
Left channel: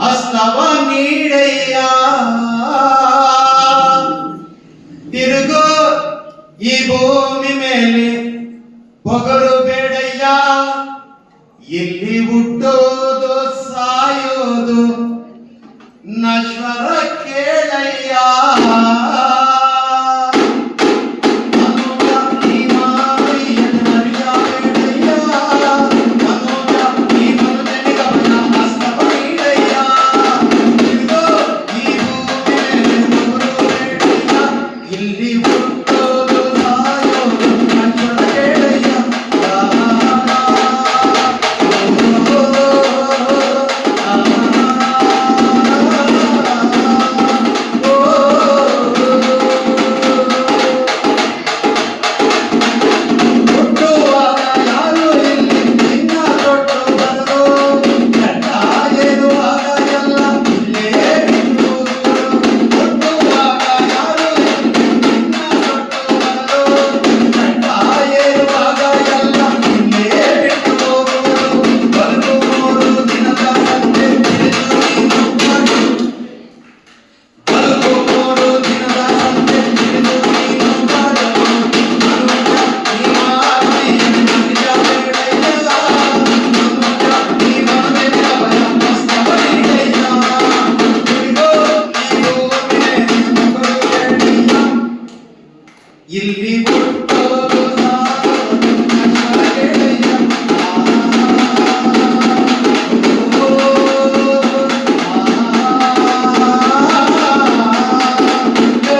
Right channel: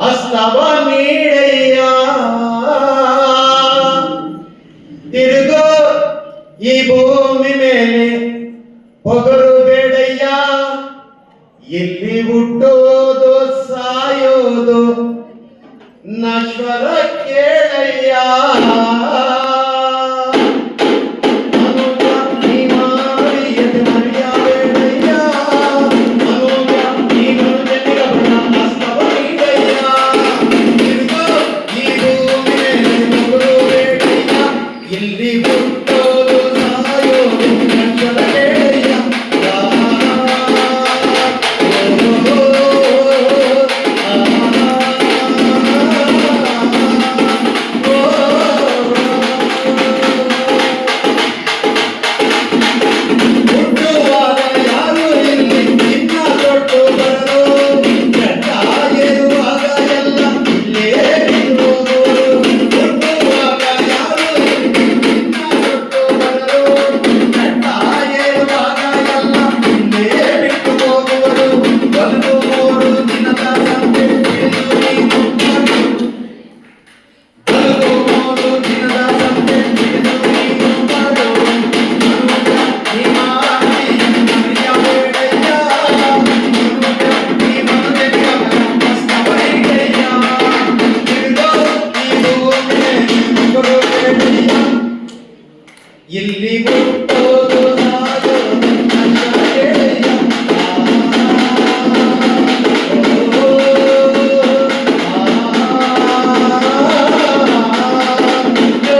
ಹಸ್ತವ ನೀಡಯ್ಯ, ತಿರುಗೋ ಈ ಭೂಮಿ ಮೇಲೆ ಪೊಗರು ಬೇಡಯ್ಯ, ಇಲ್ಲಿ ಹುಟ್ಟೋದು ಸಾಯೋದು ನಶ್ವರ ಕೇಳಯ್ಯ. ಇಲ್ಲಿ ಹುಟ್ಟೋದು ಸಾಯೋದು ನಶ್ವರ ಕೇಳಯ್ಯ. ಜೋ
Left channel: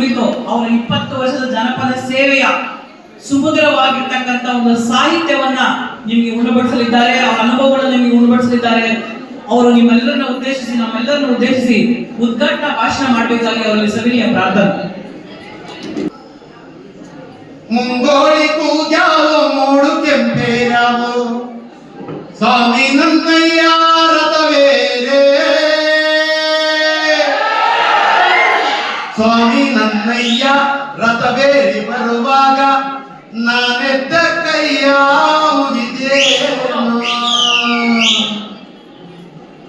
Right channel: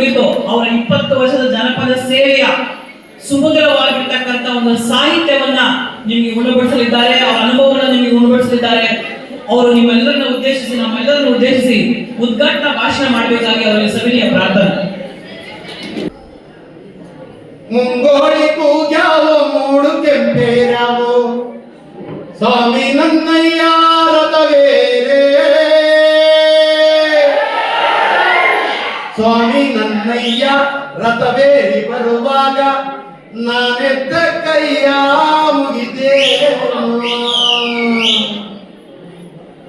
ಕುರಿತು ಅವರ 20 ವರ್ಷದ ಜನಪದ ಸೇವೆಯ ಸುಮಧುರವಾಗಿರ್ತಕ್ಕಂಥ ಒಂದು ಸಾಹಿತ್ಯವನ್ನ ನಿಮಗೆ ಉಣಬಡಿಸಲಿದ್ದಾರೆ. ಅವರ ಅನುಭವಗಳನ್ನು ನಿಮಗೆ ಉಣಬಡಿಸಲಿದ್ದಾರೆ. ಅವರು ನಿಮ್ಮೆಲ್ಲರನ್ನ ಉದ್ದೇಶಿಸಿ, ನಮ್ಮೆಲ್ಲರನ್ನು ಉದ್ದೇಶಿಸಿ ಉದ್ಘಾಟನಾ ಭಾಷಣ ಮಾಡಬೇಕಾಗಿ ಅವರಲ್ಲಿ ಸವಿನಯ ಪ್ರಾರ್ಥನೆ. ಮುಂಗೋಳಿ ಕೂಗ್ಯಾವೋ ಮೂಡು ಕೆಂಪೇರಾವೋ ಸ್ವಾಮಿ ನನ್ನಯ್ಯ ರಥವೇರೆ, ಸ್ವಾಮಿ ನನ್ನಯ್ಯ ರಥವೇರಿ ಬರುವಾಗ ನಾನೆದ್ದ ಕೈಯ ಮುಗಿದೇನು.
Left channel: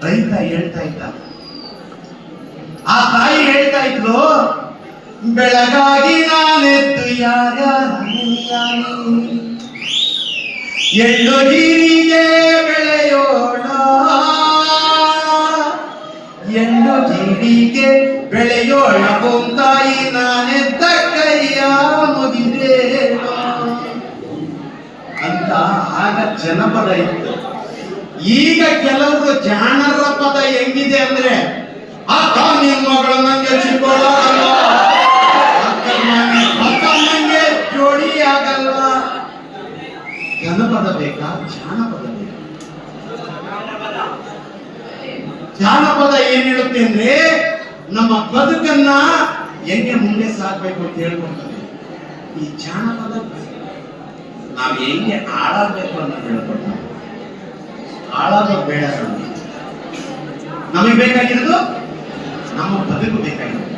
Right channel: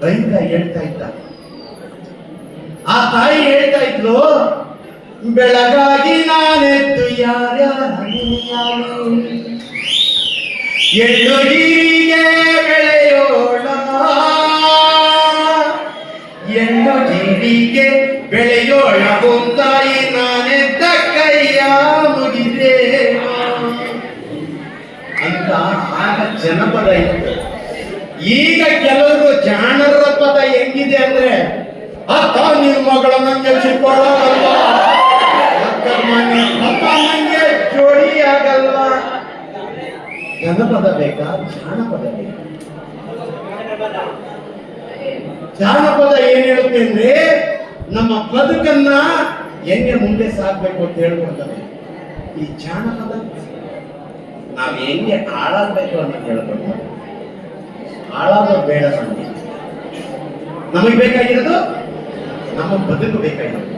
ರೈತ ಹೇಳ್ತಾ ಇದ್ದ, ಆ ತಾಯಿ ಹೇಳ್ತಾ ಇದ್ಲು, ಬೆಳಗಾಗಿ ನಾನೆದ್ದು ಯಾರ್ಯಾರ ಎಳ್ಳು ಹೀಗೆ ಬೆಳೆಯೋಳ, ಎಳ್ಳು ಜೀರಿಗೆ ಬೆಳೆಯೋಳ ಬೊಂದಾಯಿ ನಾನೆದ್ದ ಕೈಯ ಮುಗಿದೇನೋ ಅಂತ ಆಗ ಜನಪದ ಇತ್ತು. ಈಗ ಕೆಲವರು ಜಾಣರ ಪದ ಹೆಂಗಿದೆ ಅಂದ್ರೆ, ಅಕ್ಕ ನಿನ್ ಮಗಳು ನಂಗೆ ಚಿಕ್ಕೋಳಲ್ವಾ, ಅಕ್ಕ ನಂಗೆ ಜೋಡಿ ಆಗಲ್ವಾ. ಜನಪದ ಬೇಕಾ, ಜಾನಪದ ಬೇಕಾ? ಜಾನಪದ ಏನ್ ಹೇಳುತ್ತೆ ಅಂದ್ರೆ ನಮ್ಮ ಬದುಕನ್ನ ಹೆಂಗೆ ಮುಂದೆ ಸಾಕ್ಬೇಕು ಅಂತ ಹೇಳ್ಕೊಡ್ತಾರೆ. ಈ ಜಾನಪದ ನಾವ್ ಹೆಂಗೆ ಹಾಳಾಗ್ಬೇಕು ಅಂತ ಹೇಳ್ಕೊಡ್ತಾರೆ. ಹಾಳಾಗೋದು ಬೇಡ ನಮಗೆ. ನಮಗೆ ಬೇಕಾಗಿರೋದು ನಮ್ಮ ಬದುಕು ಬೇಕಾಗಿರೋದು.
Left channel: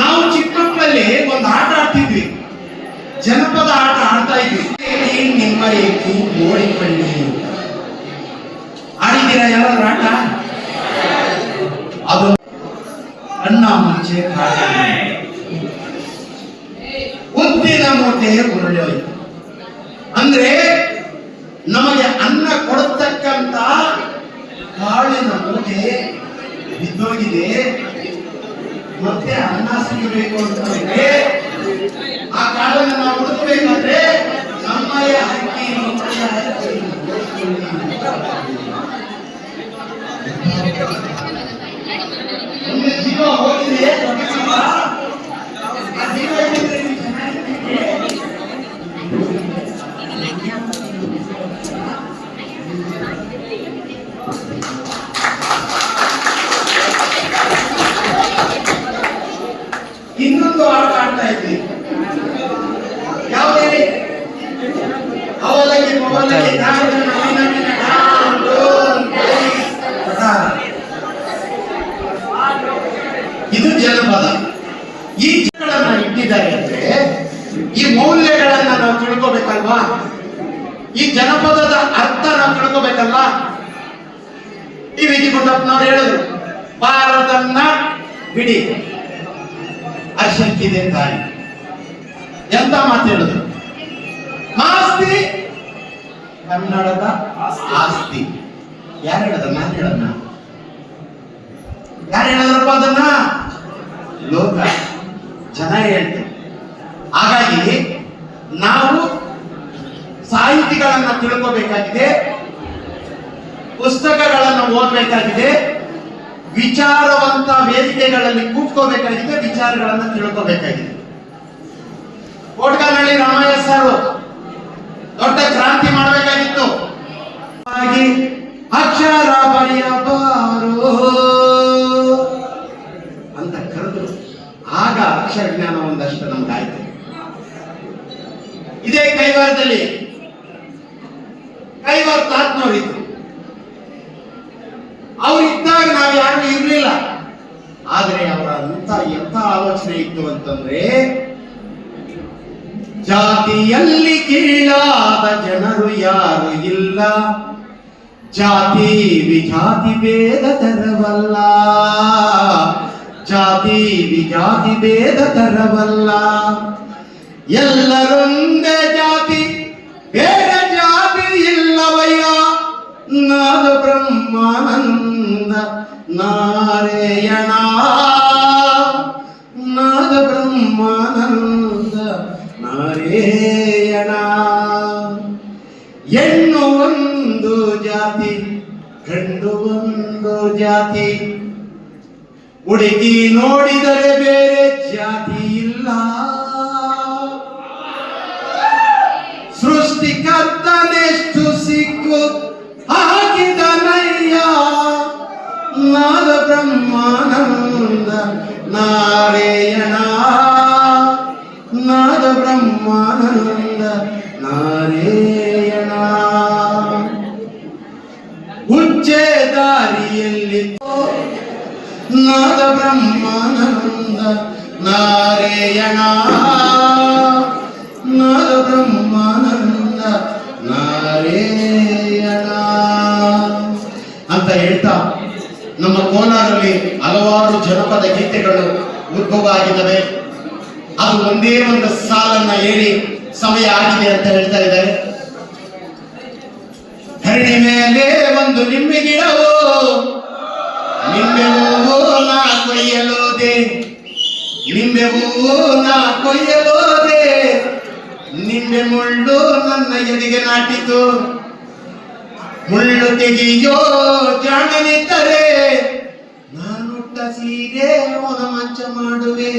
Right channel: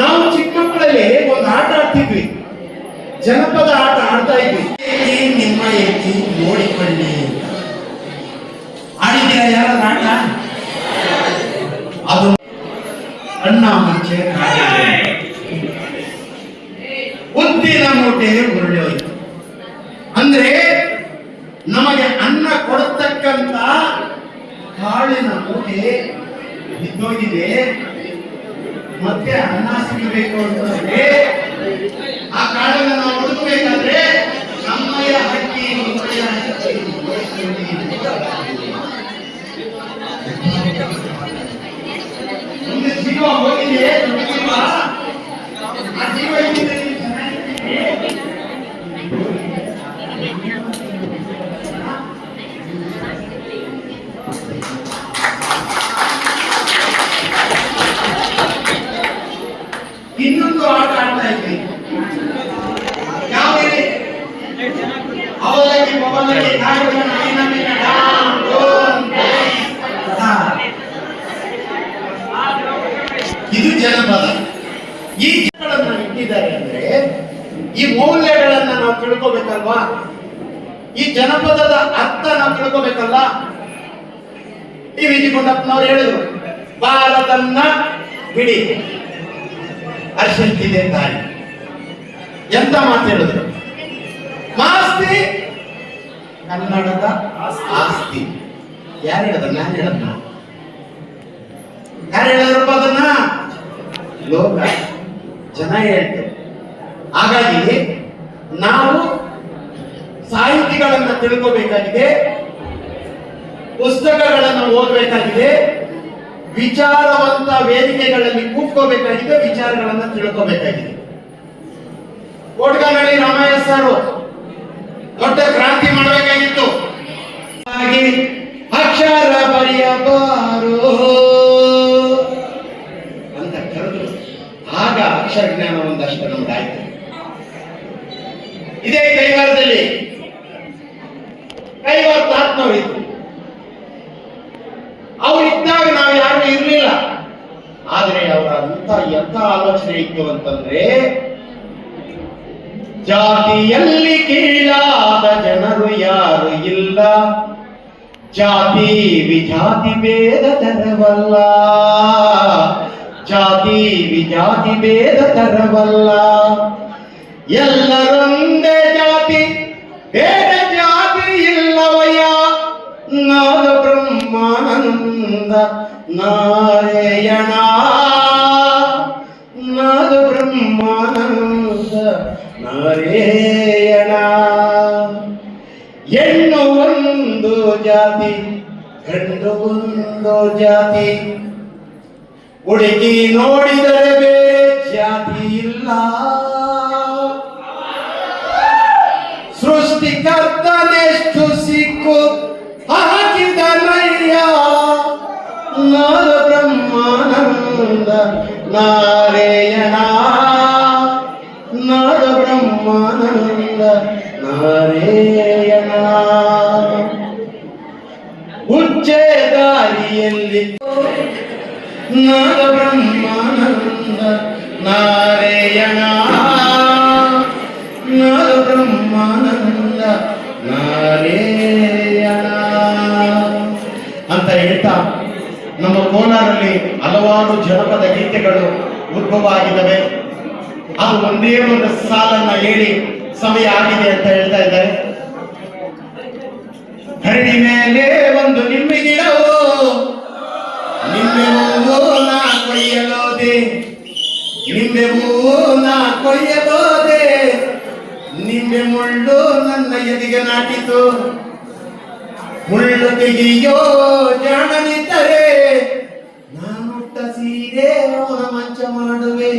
ನಾವು ಚಿಕ್ಕ ಮಕ್ಕಳಲ್ಲಿ ಒಂದು ಆಟ ಆಡ್ತಿದ್ವಿ, ಜನಪದ ಆಟ ಆಡ್ತಾ ಇದ್ವಿ. ನಿಮ್ಮ ಏಕಿ ನೋಡಿಕೊಳ್ಳಿ ಆಡಿದ್ದೀರಾ ಯಾರಾದ್ರೂ ಆಟ? ಅದು ಅಣ್ಣ ಮುಂಚೆ ಉದ್ದಿನ ಮೂಟೆ ಉರುಳಿ ಹೋಯ್ತು. ಅಂದ್ರೆ ನಮಗೆ ಅನ್ನ ಕೊಡತಕ್ಕಂತ ಕಾಳಿನ ಮೂಟೆ ಬಿದ್ದೋಗಿದೆ. ಮತ್ತೆ ಅನ್ನ ಸಿಗಬೇಕು ಅಂತಂದ್ರೆ ಆ ಕಾಳನ್ನು ನಾವು ಹುಡುಕಬೇಕಾದ್ರೆ ನಮ್ಮಯ್ಯ ಹಕ್ಕಿ ಒಂದು ಜೀವ ಹೋಗಿದೆ. ಆ ಜೀವ ಇನ್ನೊಂದು ಆಟ ಆಡ್ತಾ ಇದ್ವಿ. ಯಾವ ಅವಲಕ್ಕಿ ಪವಲಕ್ಕಿ ಇದು ಜನಪದ. ಈ ಜನಗಳನ್ನ ಇಟ್ಟಿದ್ದಾರೆ ಅಂದ್ರೆ ಈ ಮೌಲ್ಯಗಳನ್ನ ನಾವು ತಿಳ್ಕೋಬೇಕಲ್ವಾ? ಈ ಜನಪದದ ಅರ್ಥ ನಾವು ತಿಳ್ಕೋಬೇಕಲ್ಲ? ಈ ವಿ ಜಿ ಗುಂಡಪ್ಪನವ್ರು ಹೇಳಿದ್ರು, ಭಾರತನ್ನ ಬಿಡಿ ಅರ್ಶಕ್ತಿದೆ ತಾಯಿ. ಎಂತ ಮಾತು ಹೇಳಿದ್ರು? ಮಾಸ್ತಿ ಕನ್ನಡದ ಆಸ್ತಿ. ಯಾರು ಹೇಳದ? ನಾನು ಹೇಳದ್ನ? ಯಾರು ಹೇಳಿದ್ರಪ್ಪ ಅದನ್ನ? ಲೋಕ ಜನ ಹೇಳ್ತಾರೆ. ಹಾಗಾಗಿ ನಾವು ಸಾಹಿತಿಗಳನ್ನ ತಿಳ್ಕೋಬೇಕಾಗಿದೆ, ಪುಸ್ತಕಗಳನ್ನು ಓದಬೇಕಾಗಿದೆ, ವಿಚಾರವಂತ ವೇದಿಕೆಗಳಲ್ಲಿ ಕೂತ್ಕೋಬೇಕಾಗಿದೆ, ವಿಚಾರಗಳನ್ನ ತಿಳ್ಕೋಬೇಕಾಗಿದೆ. ಕೋಟ್ಗನಹಳ್ಳಿ ರಾಮಯ್ಯ ಸರ್ ದೊಡ್ಡ ಕ್ರಾಂತಿ ಮಾಡಬೇಕಾಗಿತ್ತು. ಹಾಗೆ ಅಕ್ಷರ ಬರೆಯಬಾರೋ ಅಂತ ಕರೆದು ಆಗ ಅಕ್ಷರ ಜ್ಞಾನ ಒಂದಷ್ಟು ನಮ್ಗಾಯ್ತು. ಇದೇ ಕೈವಾರದಲ್ಲಿ ಕೈವಾರ ತಾತ್ನವರಿತ್ತು. ಅವರಿದ್ದಾಗ ನಾವು ಯಾರು ಇರಲಿಲ್ಲ. ಆದ್ರೆ ಅವರ ಎಂತ ಆಲೋಚನೆ ಇತ್ತು ಅಂತಂದ್ರೆ, ಜಾತಿಯಲ್ಲಿ ಕೀಳಾದ ಜನರು ಯಾರು ಇಲ್ಲ, ಜಾತಿ ವಿಜಾತಿ ಭೇದ ತರವಲ್ಲ, ಜಾತಿ ವಿಜಾತಿ ಭೇದ ತರವಲ್ಲ, ಎಲ್ಲರೊಂದೇ ಜಾತಿ ಬೇರೆ ಜಾತಿ ಇಲ್ಲವಯ್ಯ, ನಾದ ಬ್ರಹ್ಮಾನಂದ ನಾರಾಯಣ, ನಾದ ಬ್ರಹ್ಮಾನಂದ ನಾರಾಯಣ. ಹೆಣ್ಣು ಒಂದು ಜಾತಿ, ಗಂಡು ಒಂದು ಜಾತಿ, ಹುಡುಕಿ ನೋಡಿದರೆ ಬೇರೆ ಜಾತಿ ಇಲ್ಲ, ಸೃಷ್ಟಿಕರ್ತನೆಷ್ಟು ಸಿಕ್ಕು ಹಾಕಿದನಯ್ಯ, ನಾದ ಬ್ರಹ್ಮಾನಂದ ನಾರಾಯಣ, ನಾದ ಬ್ರಹ್ಮಾನಂದ ನಾರಾಯಣ. ಉಚ್ಚೆ ದಾರಿಯಲ್ಲಿ ನಾದ ಬ್ರಹ್ಮಾನಂದ ನಾರಾಯಣ, ನಾದ ಬ್ರಹ್ಮಾನಂದ ನಾರಾಯಣ ಅಂತ ಹೇಳ್ತಾ ನಮ್ಮ ಕೋಲಾರಲ್ಲಿ ಹಲವಾರು ಜನಪದ ಗೀತೆಗಳು ಉದ್ಭವ ಆಗಿದ್ದಾವೆ. ಅದು ಒಂದೇ ಒಂದು ಸಾಲನ್ನ ಹೇಳಿ ಸಮಯ ಆಗಿದೆ ಅಂತ ಹೇಳ್ತಾ ಇದ್ದಾರೆ. ಹರಡಿ ಮೇಲೆ ಒಂದು ನಿಂಬೆ ಗಿಡವೋ, ನಿಂಬೆ ಹೂವು ನಾ ಕೊಯ್ಯಲೋದೆ, ನಿಂಬೆ ಹೂವು ನಾ ಕೊಯ್ಯಲೋದೆ, ನಿಂಬೆ ಮುಳ್ಳು ನನ್ನ ಎದೆಗೆ ನಾಟಿತು, ಮುಳ್ಳು ತೆಗೆಯೋ ಜಾಣನಿದ್ದರೆ ನಾನುಟ್ಟ ಸೀರೆ ಅವನ ಮಂಚ ಮಾಡುವೆ,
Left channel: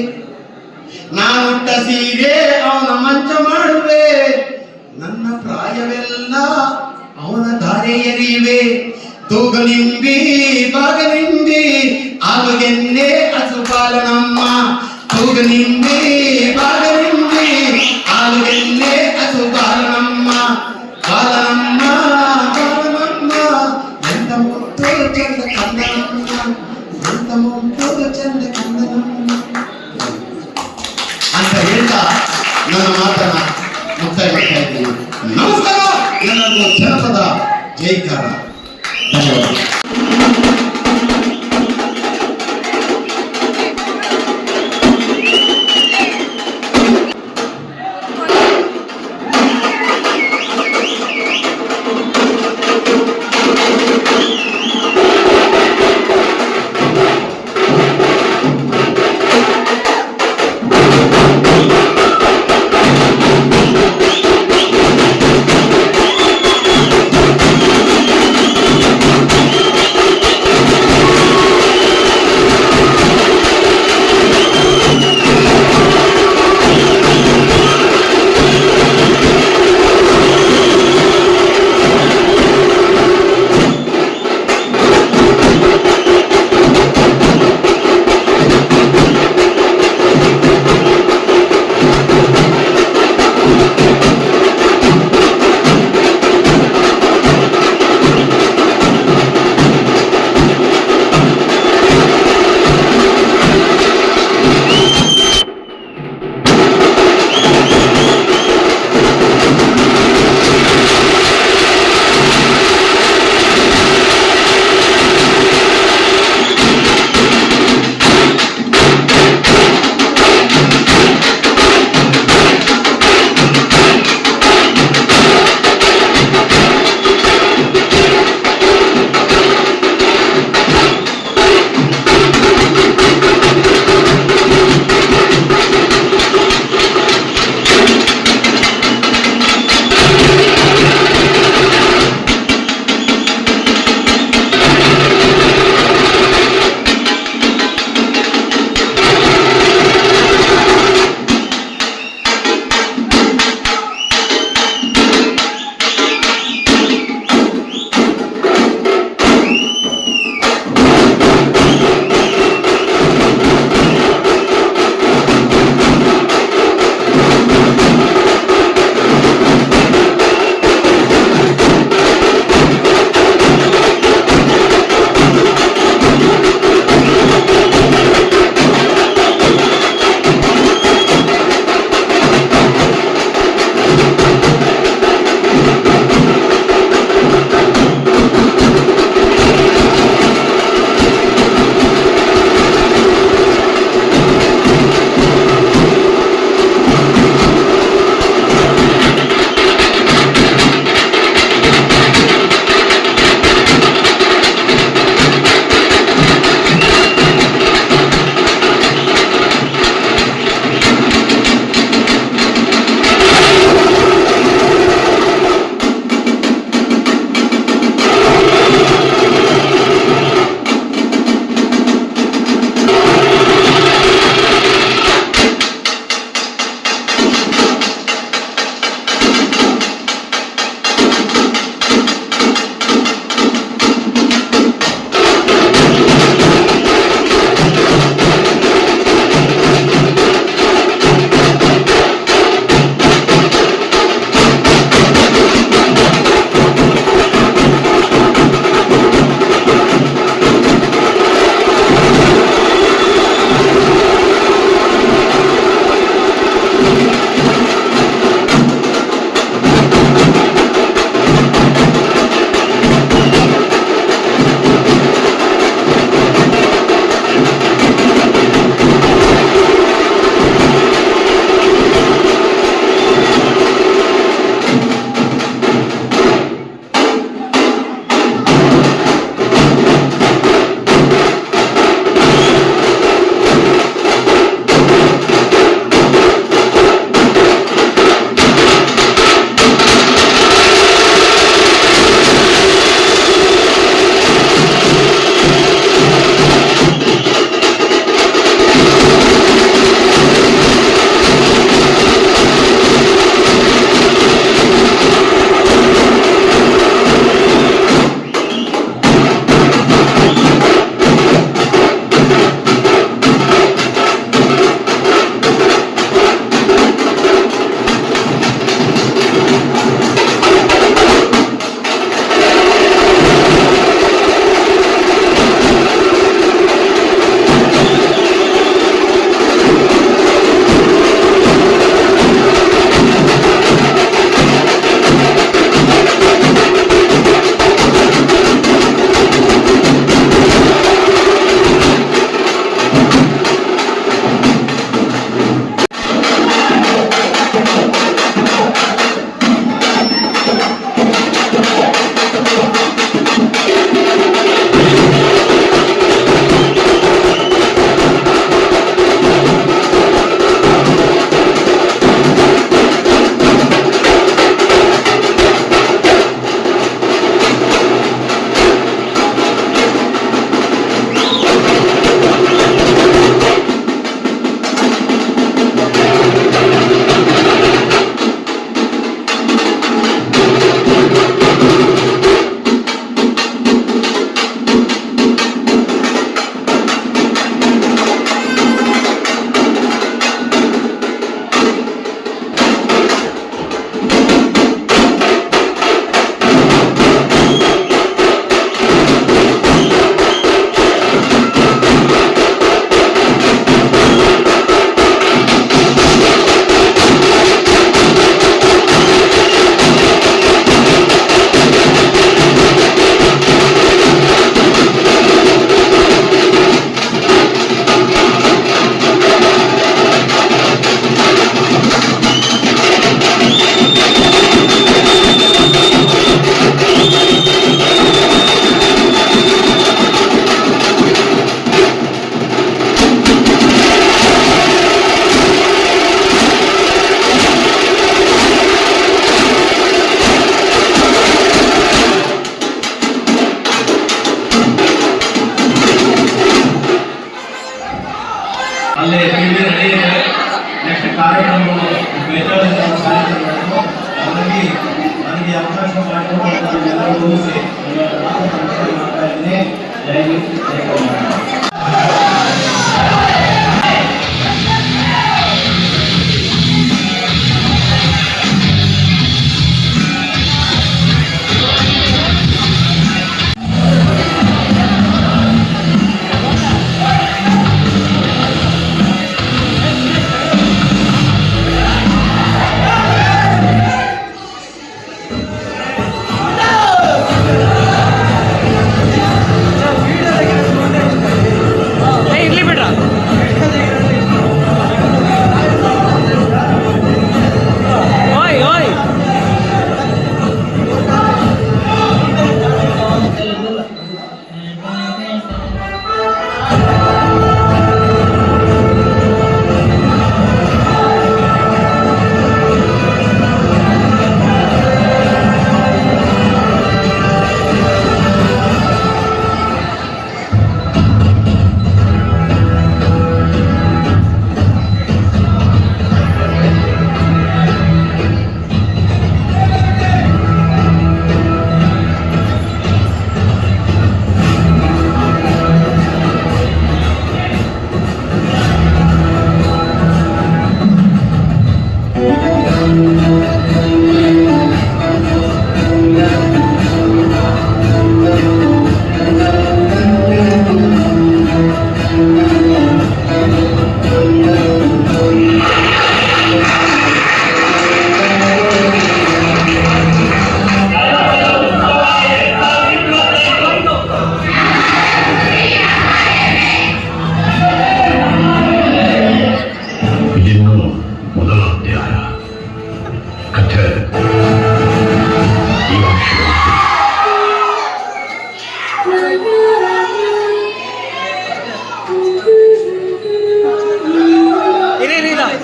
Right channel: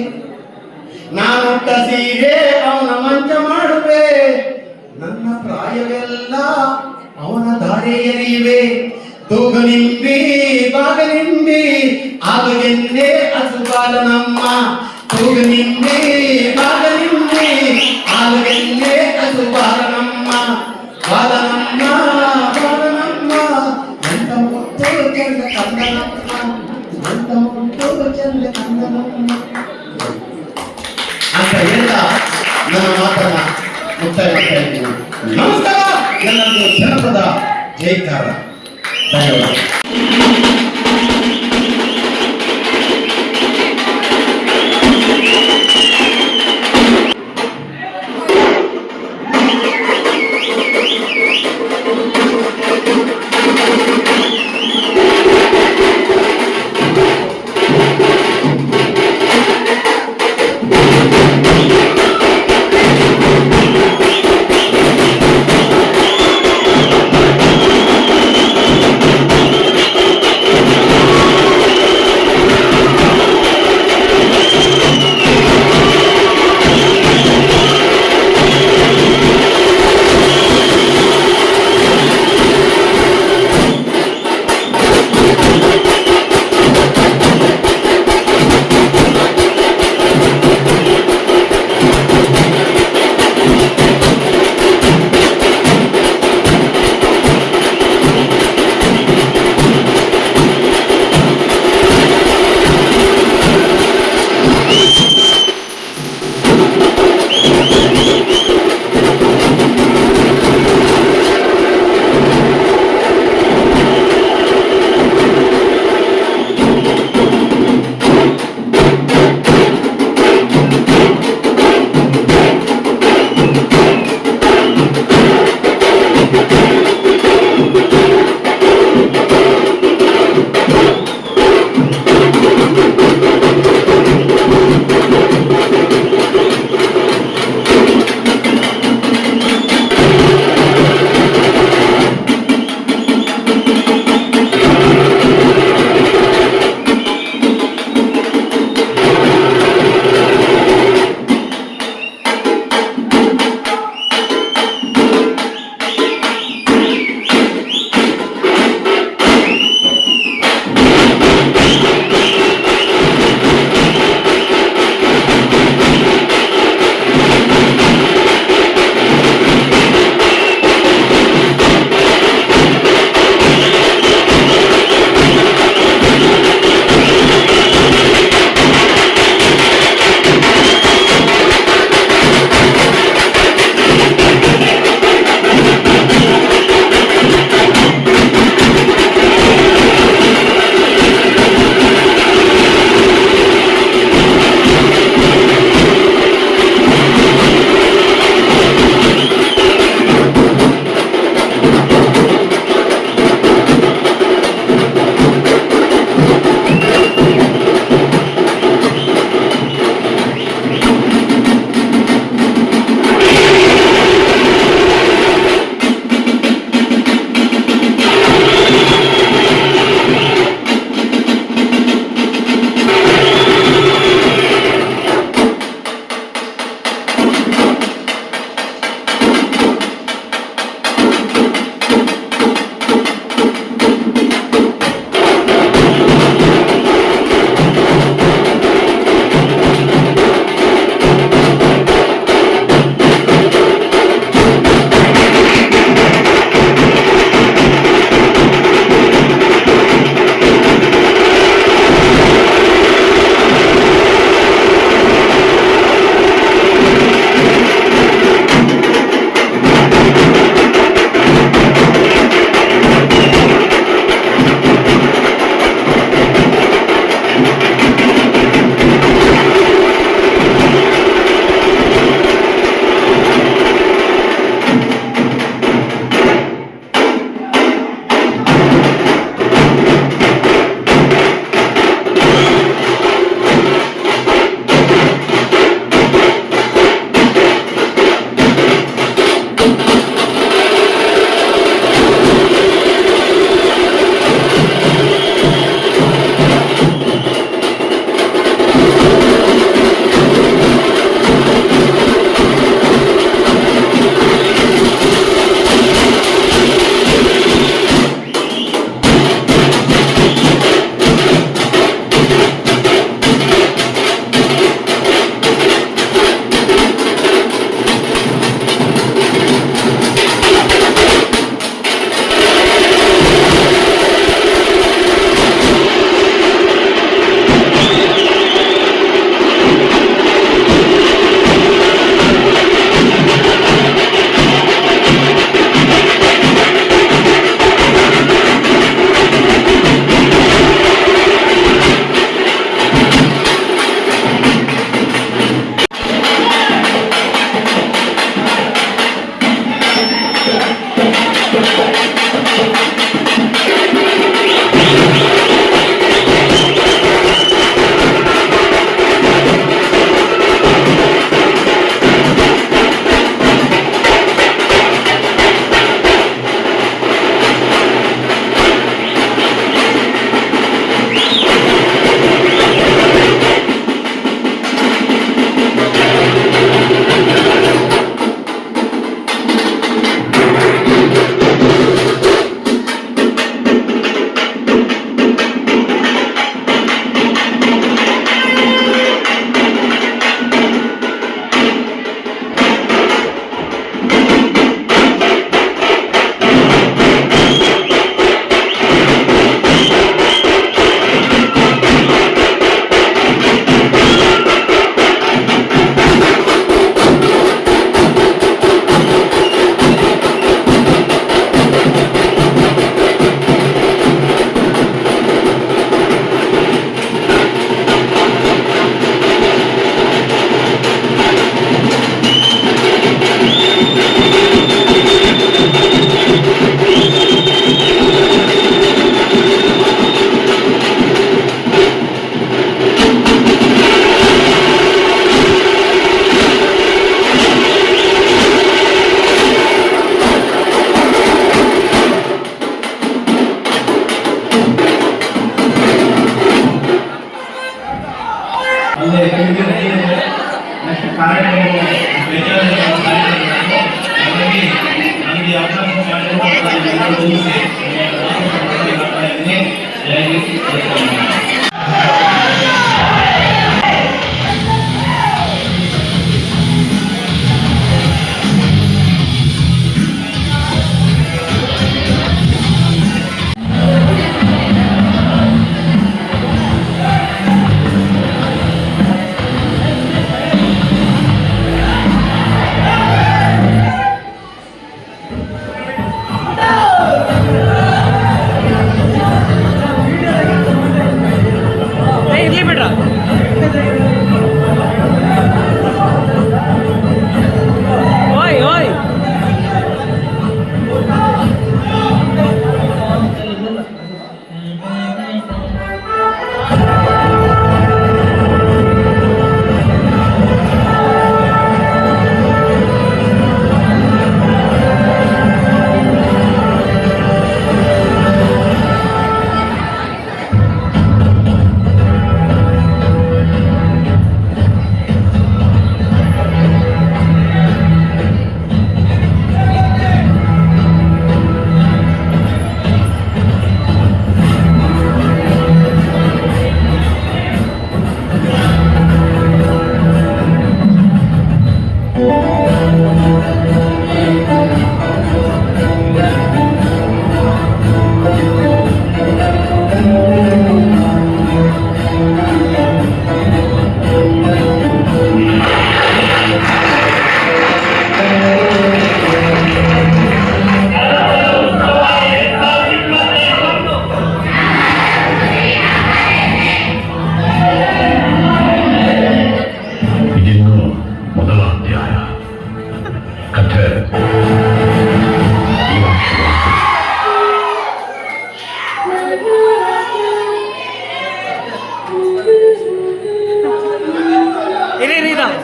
ನಾನುಟ್ಟ ಸೀರೆ ಅವನ ಮಂಚ ಮಾಡುವೆ, ನನ್ನ ಪ್ರಾಯವೆಲ್ಲ ಅವನ ದಾರೆ ಎರಿಯುವೆ, ತೂಗಲಿಂಬಿ ಬಾಗಲಿಂಬಿ ಆಗುಗೆನ್ನೆ ಅಸುಬಾಲನಮ್ಮ, ತೂಗಲಿಂಬಿ ಬಾಗಲಿಂಬಿ ಆಗುಗೆನ್ನೆ ಅಸುಬಾಲನಮ್ಮ, ಬಾಲನಮ್ಮ ಬಾಲನಮ್ಮ ಎಂತ ಮುತ್ತು ಚಂದ ಕಂದನಮ್ಮ, ಎಂತ ಮುತ್ತು ಚಂದ ಕಂದನಮ್ಮ ಅಂತ ಹೇಳ್ತಾ ನನ್ನ ಮಾತನ್ನ ಮುಕ್ತಾಯ ಮಾಡ್ತಾ ಇದ್ದೀನಿ. ನಮಸ್ಕಾರ, ಎಲ್ಲರಿಗೂ ಜನಪದ ಜೈಕಾರ. ಧನ್ಯವಾದ.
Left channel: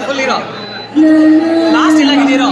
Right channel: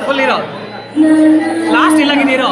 ಫುಲ್ ಇರೋ last ಇಲ್ಲಾಗಿದ್ದೀರೋ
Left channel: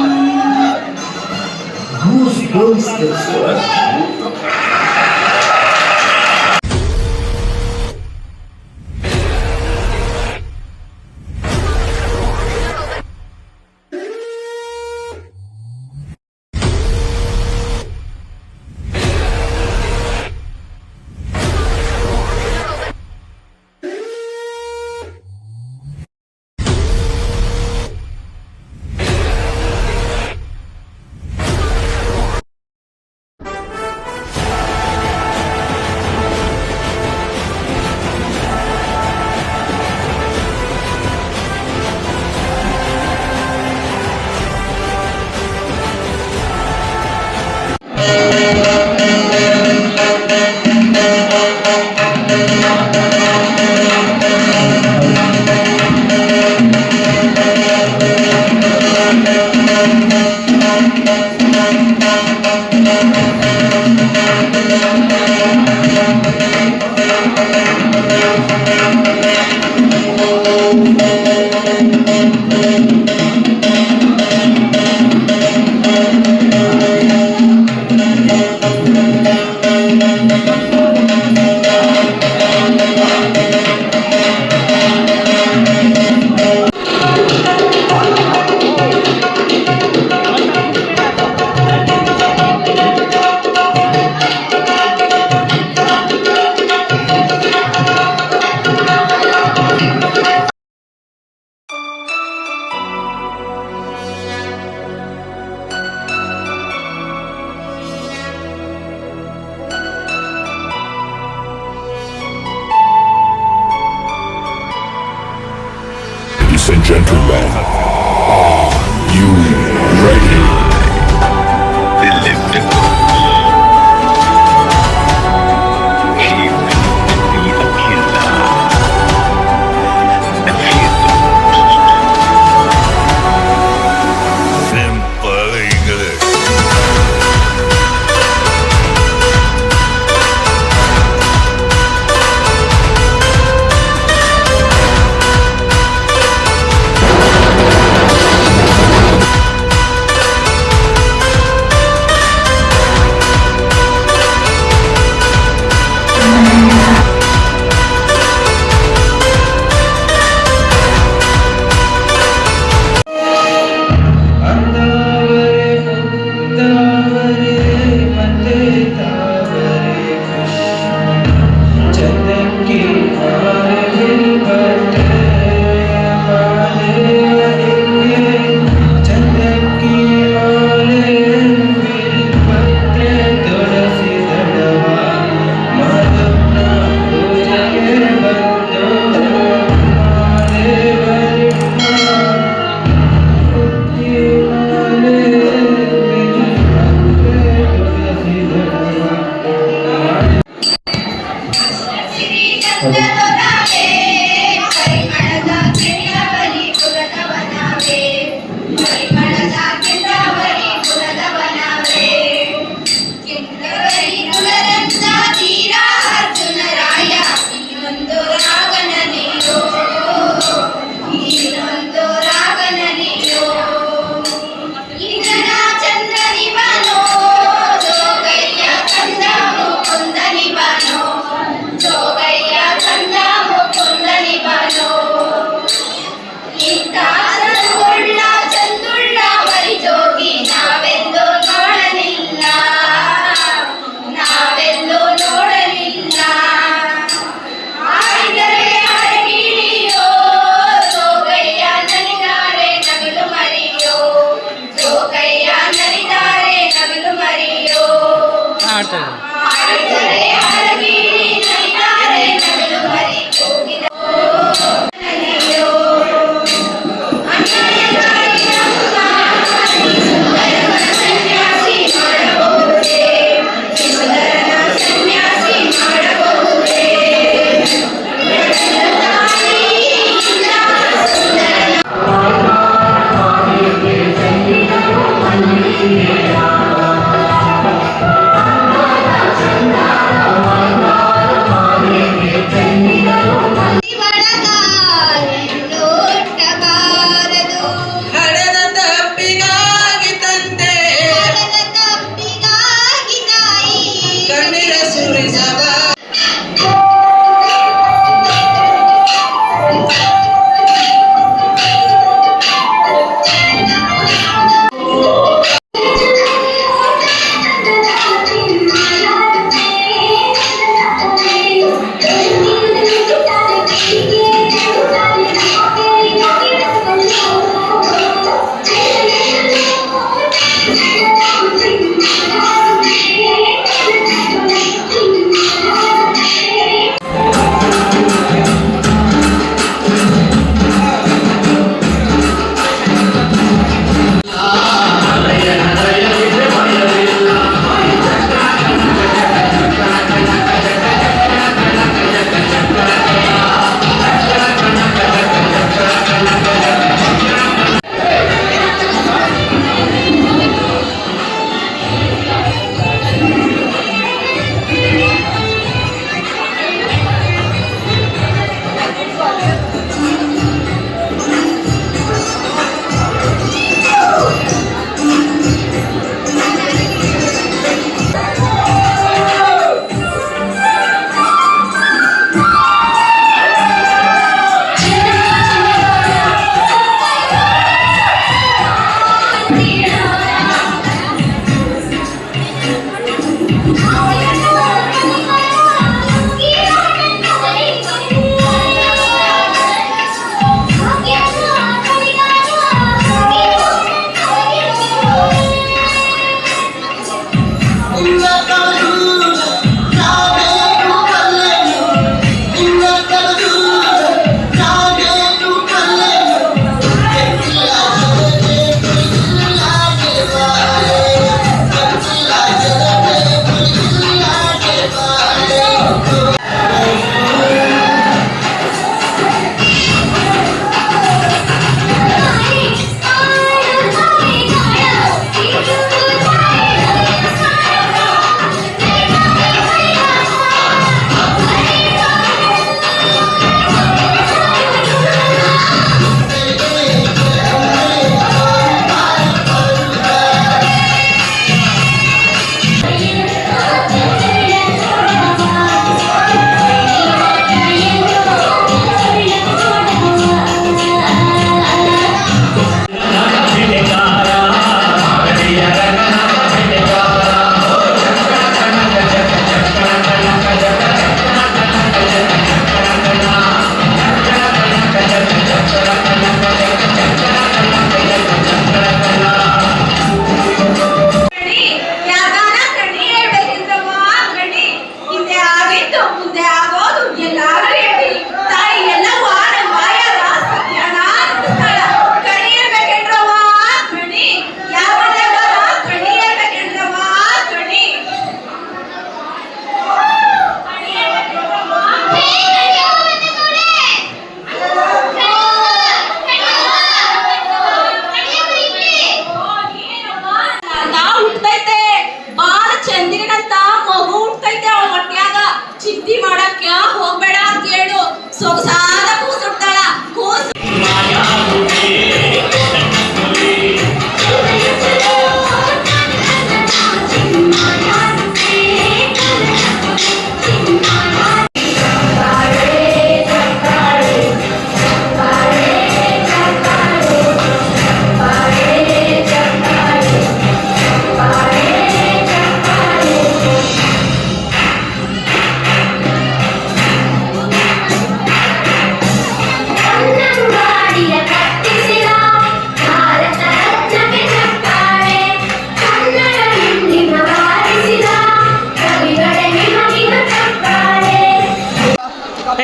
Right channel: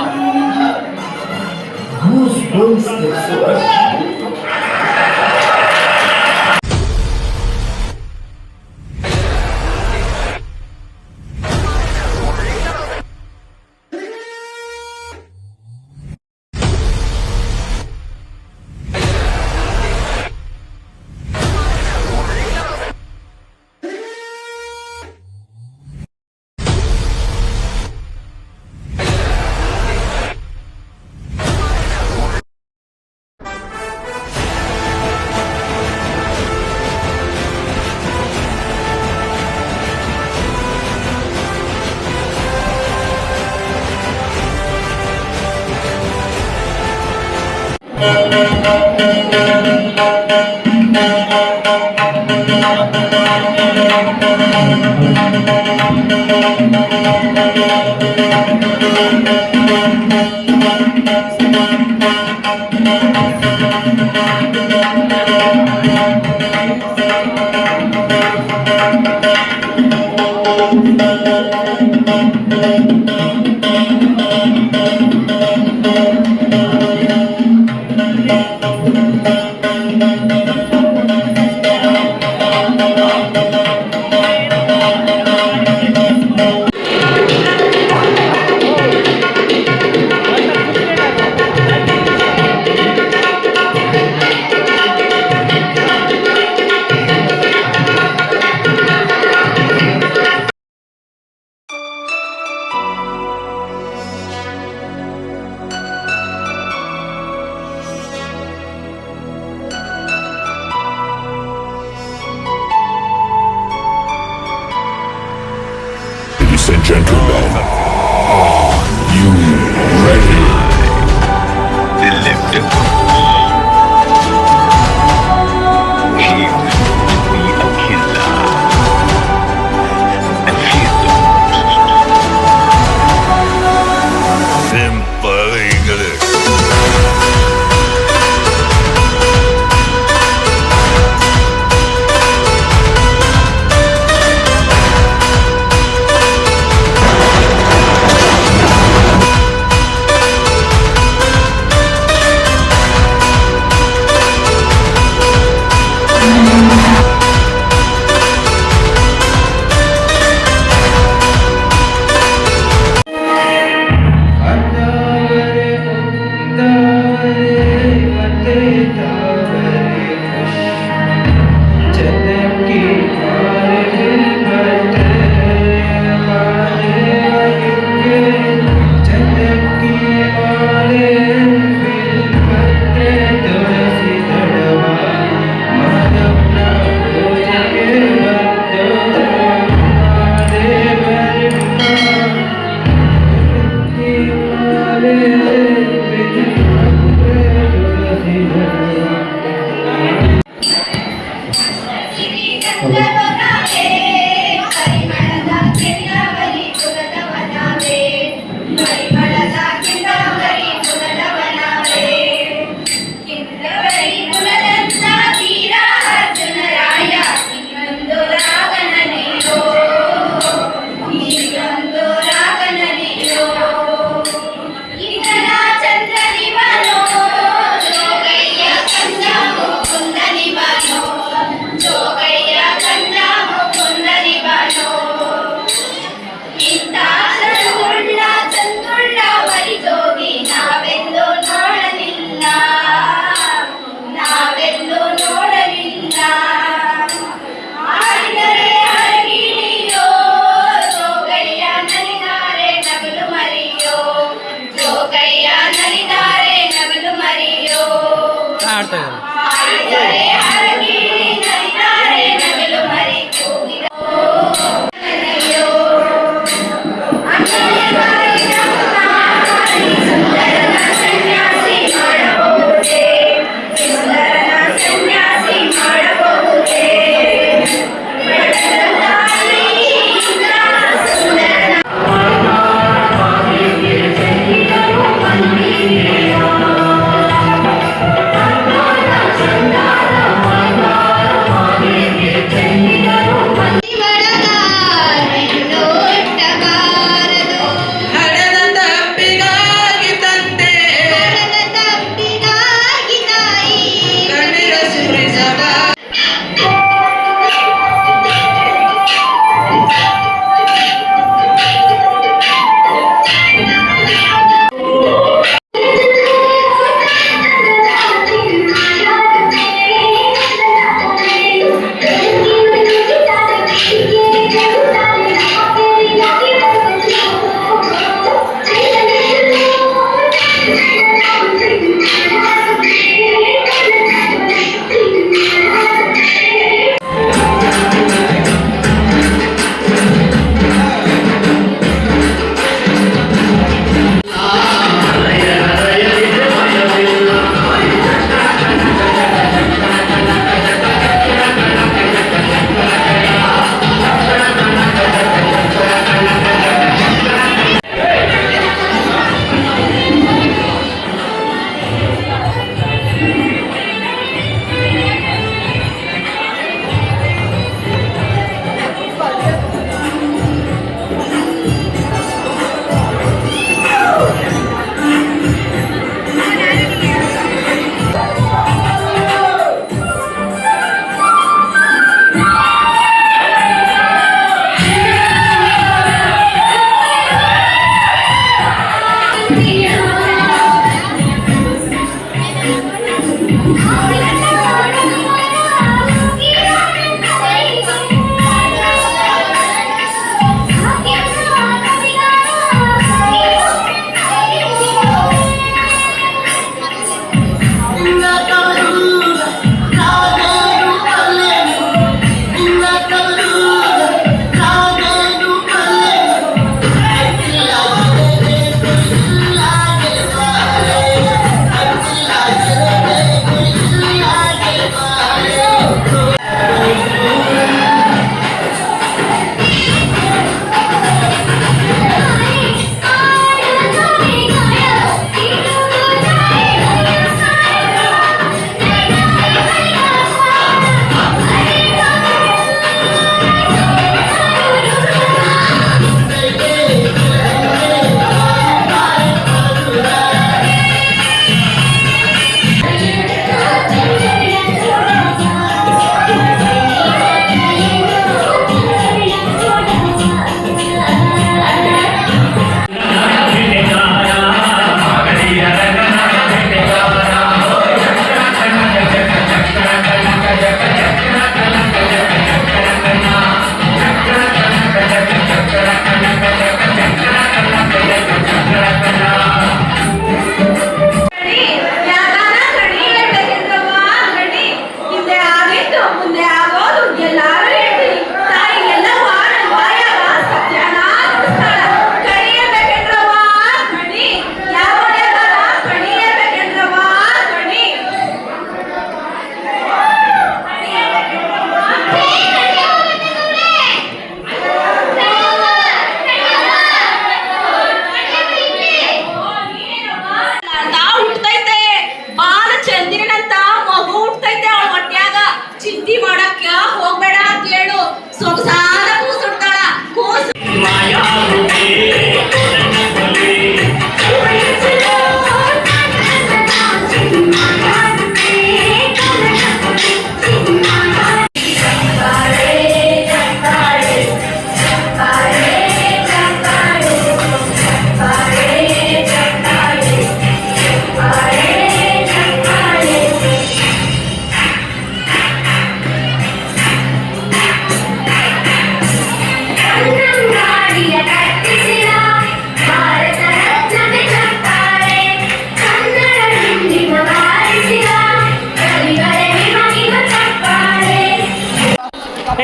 Ladies and gentlemen, are you ready? The lifter he used to be a killer and feared the most. Simple English. ಆಡ್ತಾ ಇದ್ದಾರೆ.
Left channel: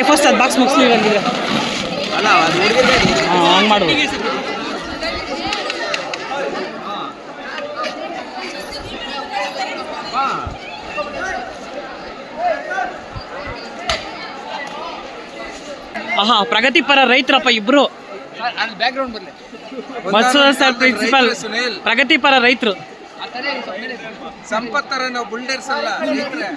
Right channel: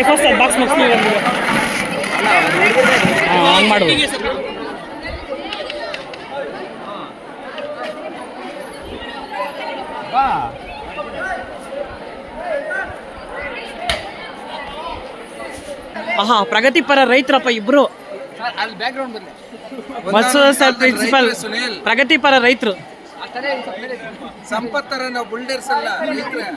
ಫಸ್ಟ್ ಅದು ಬಾಕ್ಸ್ ಮುಗಿಸಿ ಹಾಂ ಹಂಗೆ ಮಾಡ್ಬೋದು. ಆಹಾ, ಪ್ರಗತಿಪರ ರೈತರಪ್ಪ ಇಬ್ರು. ಮಸೂದ್ ಸರ್ ಪ್ರಿನ್ಸಿಪಲ್, ಪ್ರಗತಿಪರ ರೈತರು. ಸಂಪತ್ತರ ನಾವು ಬುಲ್ಡರ್ಸ್ ಅಲ್ಲ, ರೈತರೇ.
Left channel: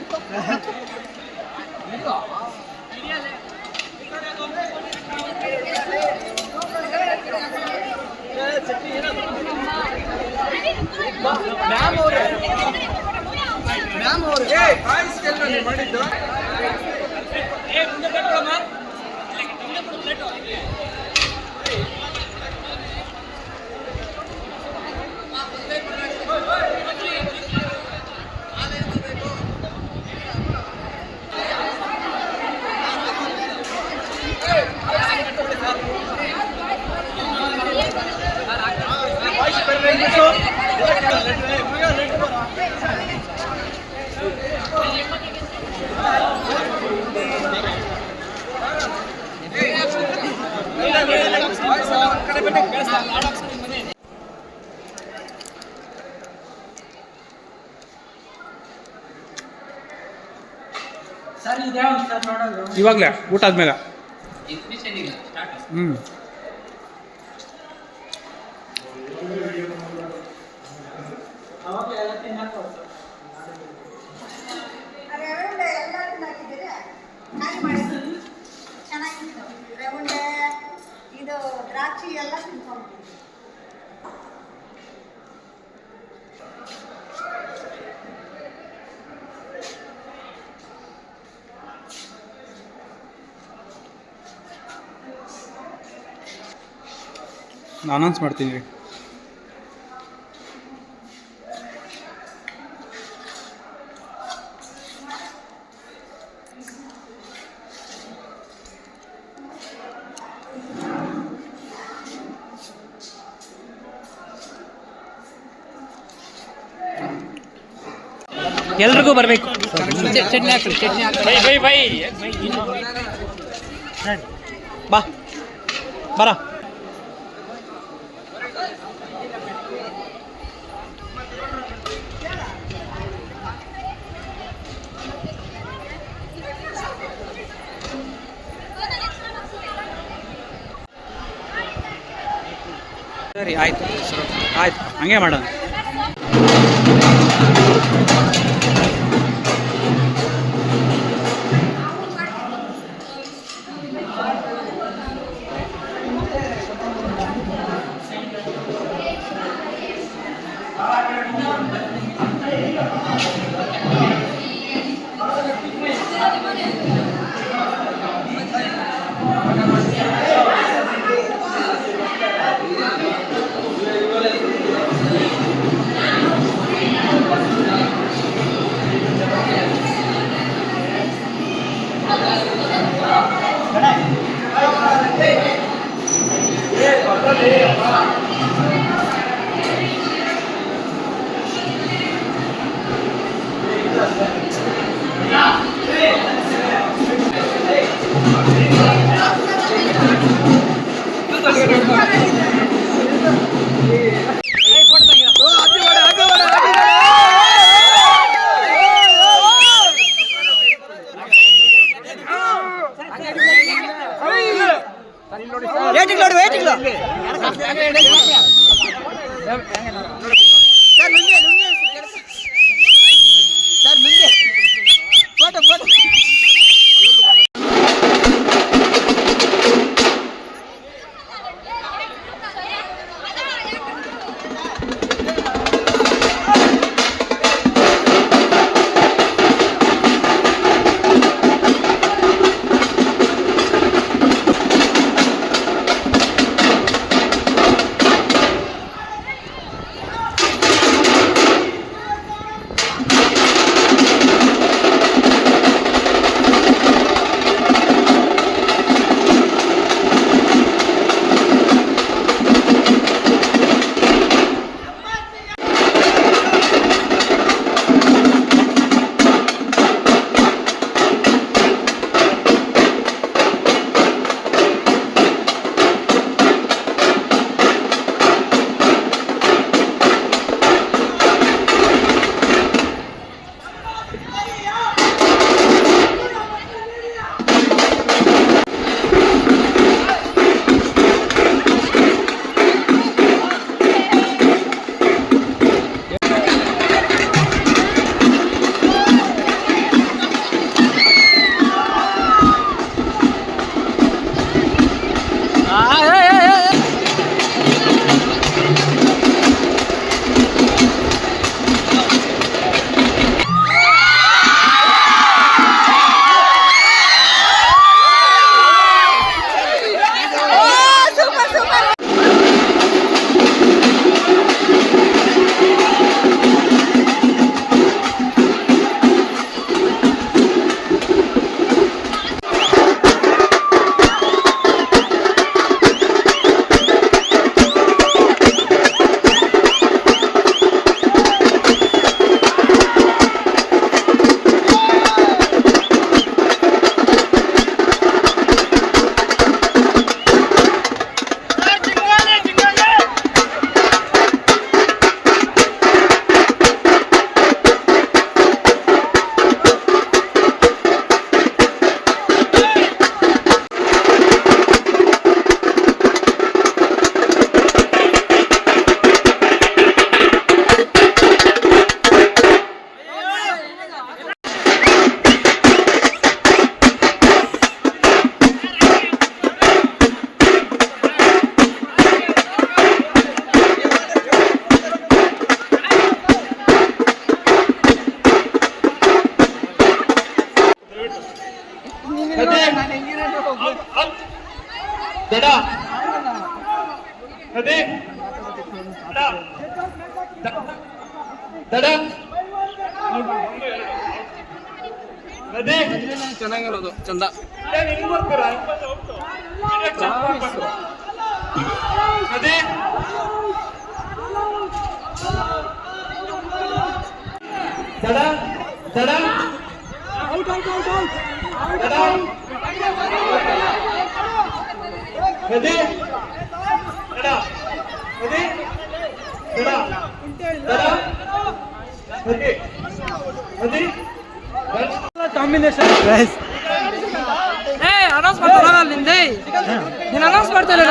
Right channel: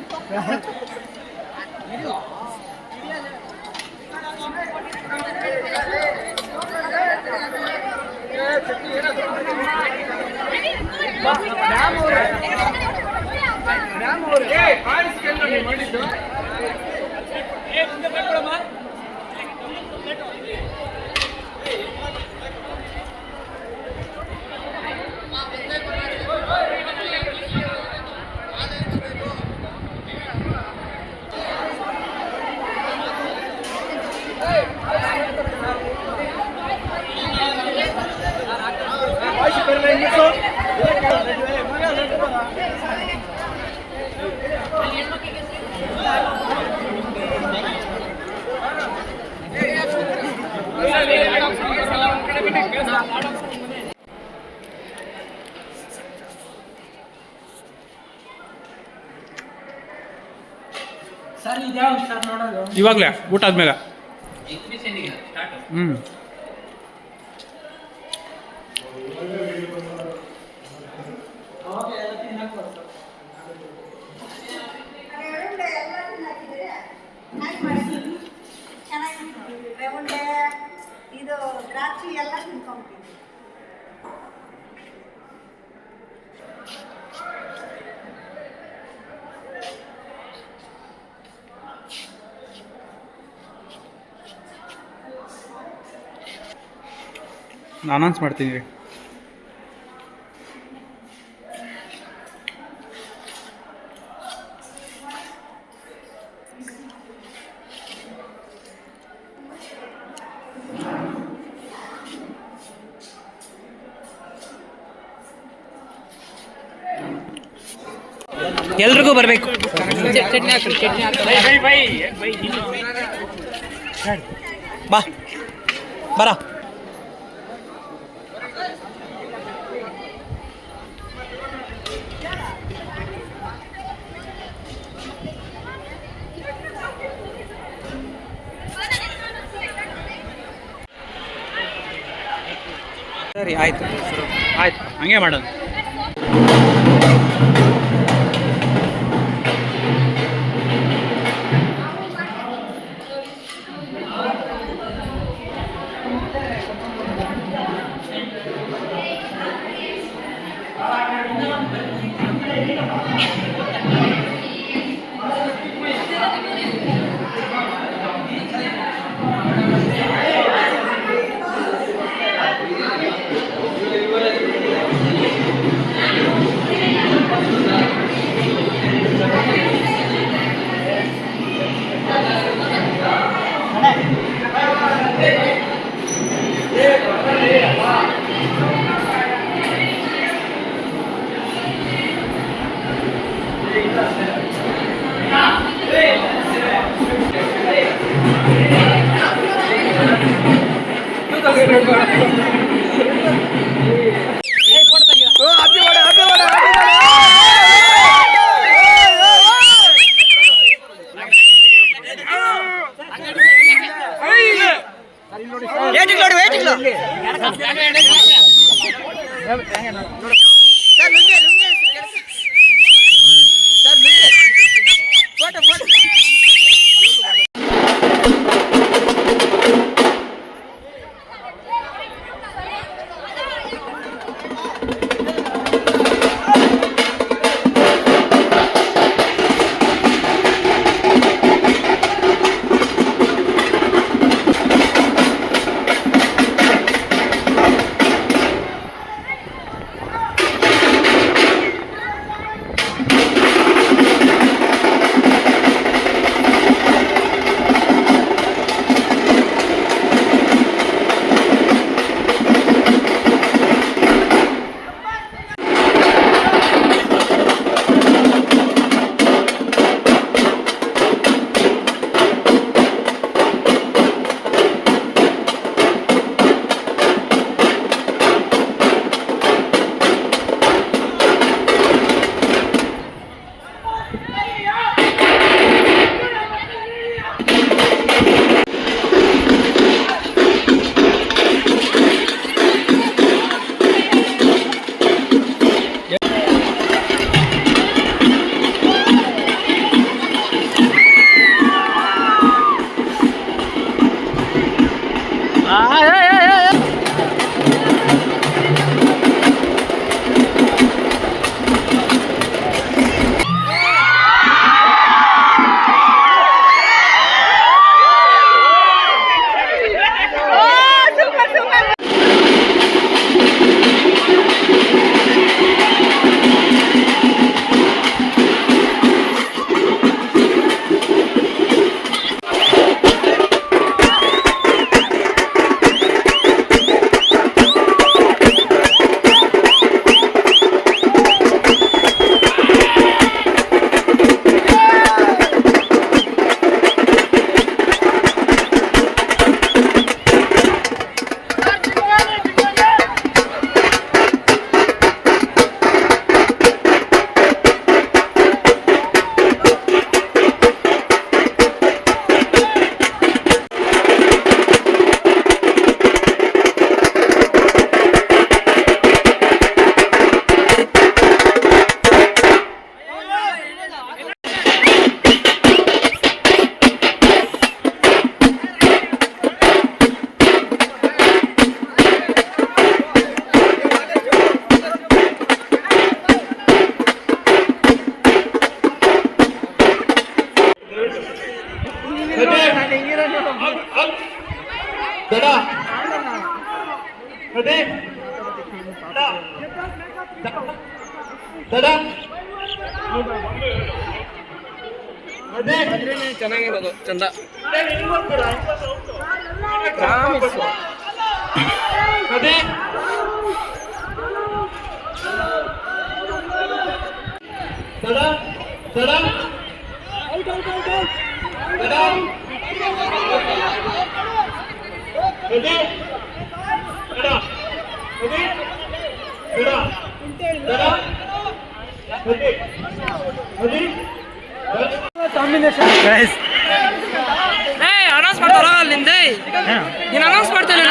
ಮಾಡಿದ್ದು ಇವಾಗಲೇ ಊಟ ಆದ್ಮೇಲೆ. ಹ್ಞೂ ಇದು ದ್ರಾಕ್ಷಿ ಎಲ್ಲ ತಿನ್ಕೊಂಡ್ಬಿಟ್ಟಿದ್ವಿ. ಅನೌನ್ಸ್ ಮಾಡ್ತೀನಿ ರೀ. ಎಲ್ರಿಗೂ ಬರಬೇಕು. ಬಾ ಬರ. ಸರಿ, ಆಯ್ತು ಆಯ್ತು, ಹಂಗೆ ಮಾಡೋಣ. ಸರ್ ಮುಂದೆ ತಡ ಅದೇ ತಡ ಅದೇ ಚೆನ್ನಾಗಿರೋದು ಚಂದ ಅದೇ ತಡ ತಡ ತಡ ಅದೇ ತಡ ಅದೇ ತಡ ತಡ ಅದೇ ಅದೇ ಕಾಂಬಿನೇಷನ್ ಗೈಸ್ ಅನೌನ್ಸ್ ಮಾಡ್ತಾರ ನಿಂದೆ ನೀನು ಅನೌನ್ಸ್ ಮಾಡ್ತೀನಿ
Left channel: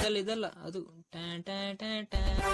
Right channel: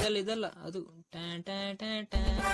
ನಲ್ಲಿ ಇದಲ್ಲ ಅದು tan tan tan tan.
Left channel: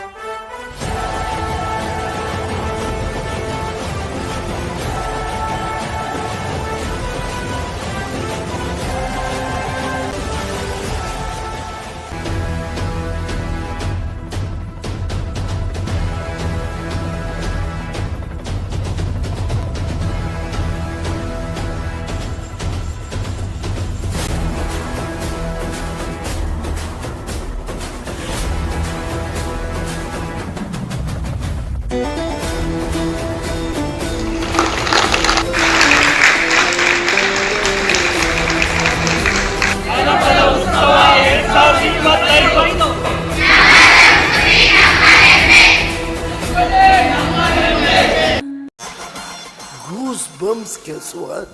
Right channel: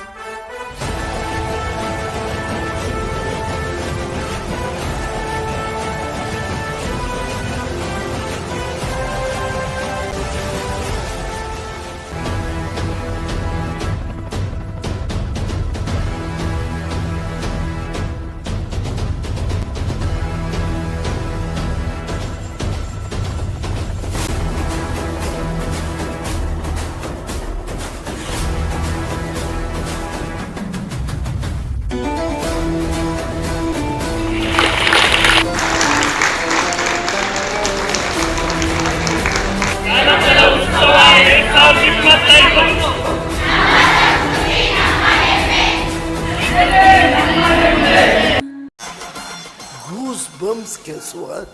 Goosebumps, guess what?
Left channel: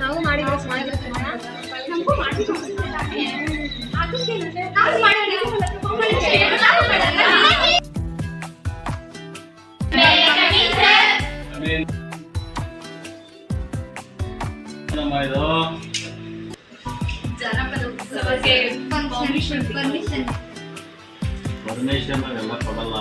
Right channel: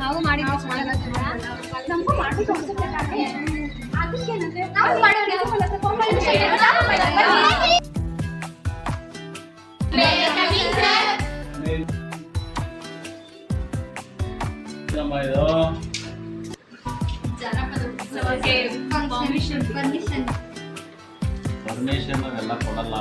ನಾವು ಮಾಡಿದ್ರೆ ನಮಗೂ ಮಾಡ್ಬೇಕು ಅನ್ಸುತ್ತೆ ತಾನೇ ಅದಕ್ಕೆ ನಾವು ಮಾಡೋಣ ಜನಪದ ಉತ್ಸವಕ್ಕೆ ಪರ್ಮಿಷನ್ ಎಲ್ಲ ಕೊಡಲ್ಲ.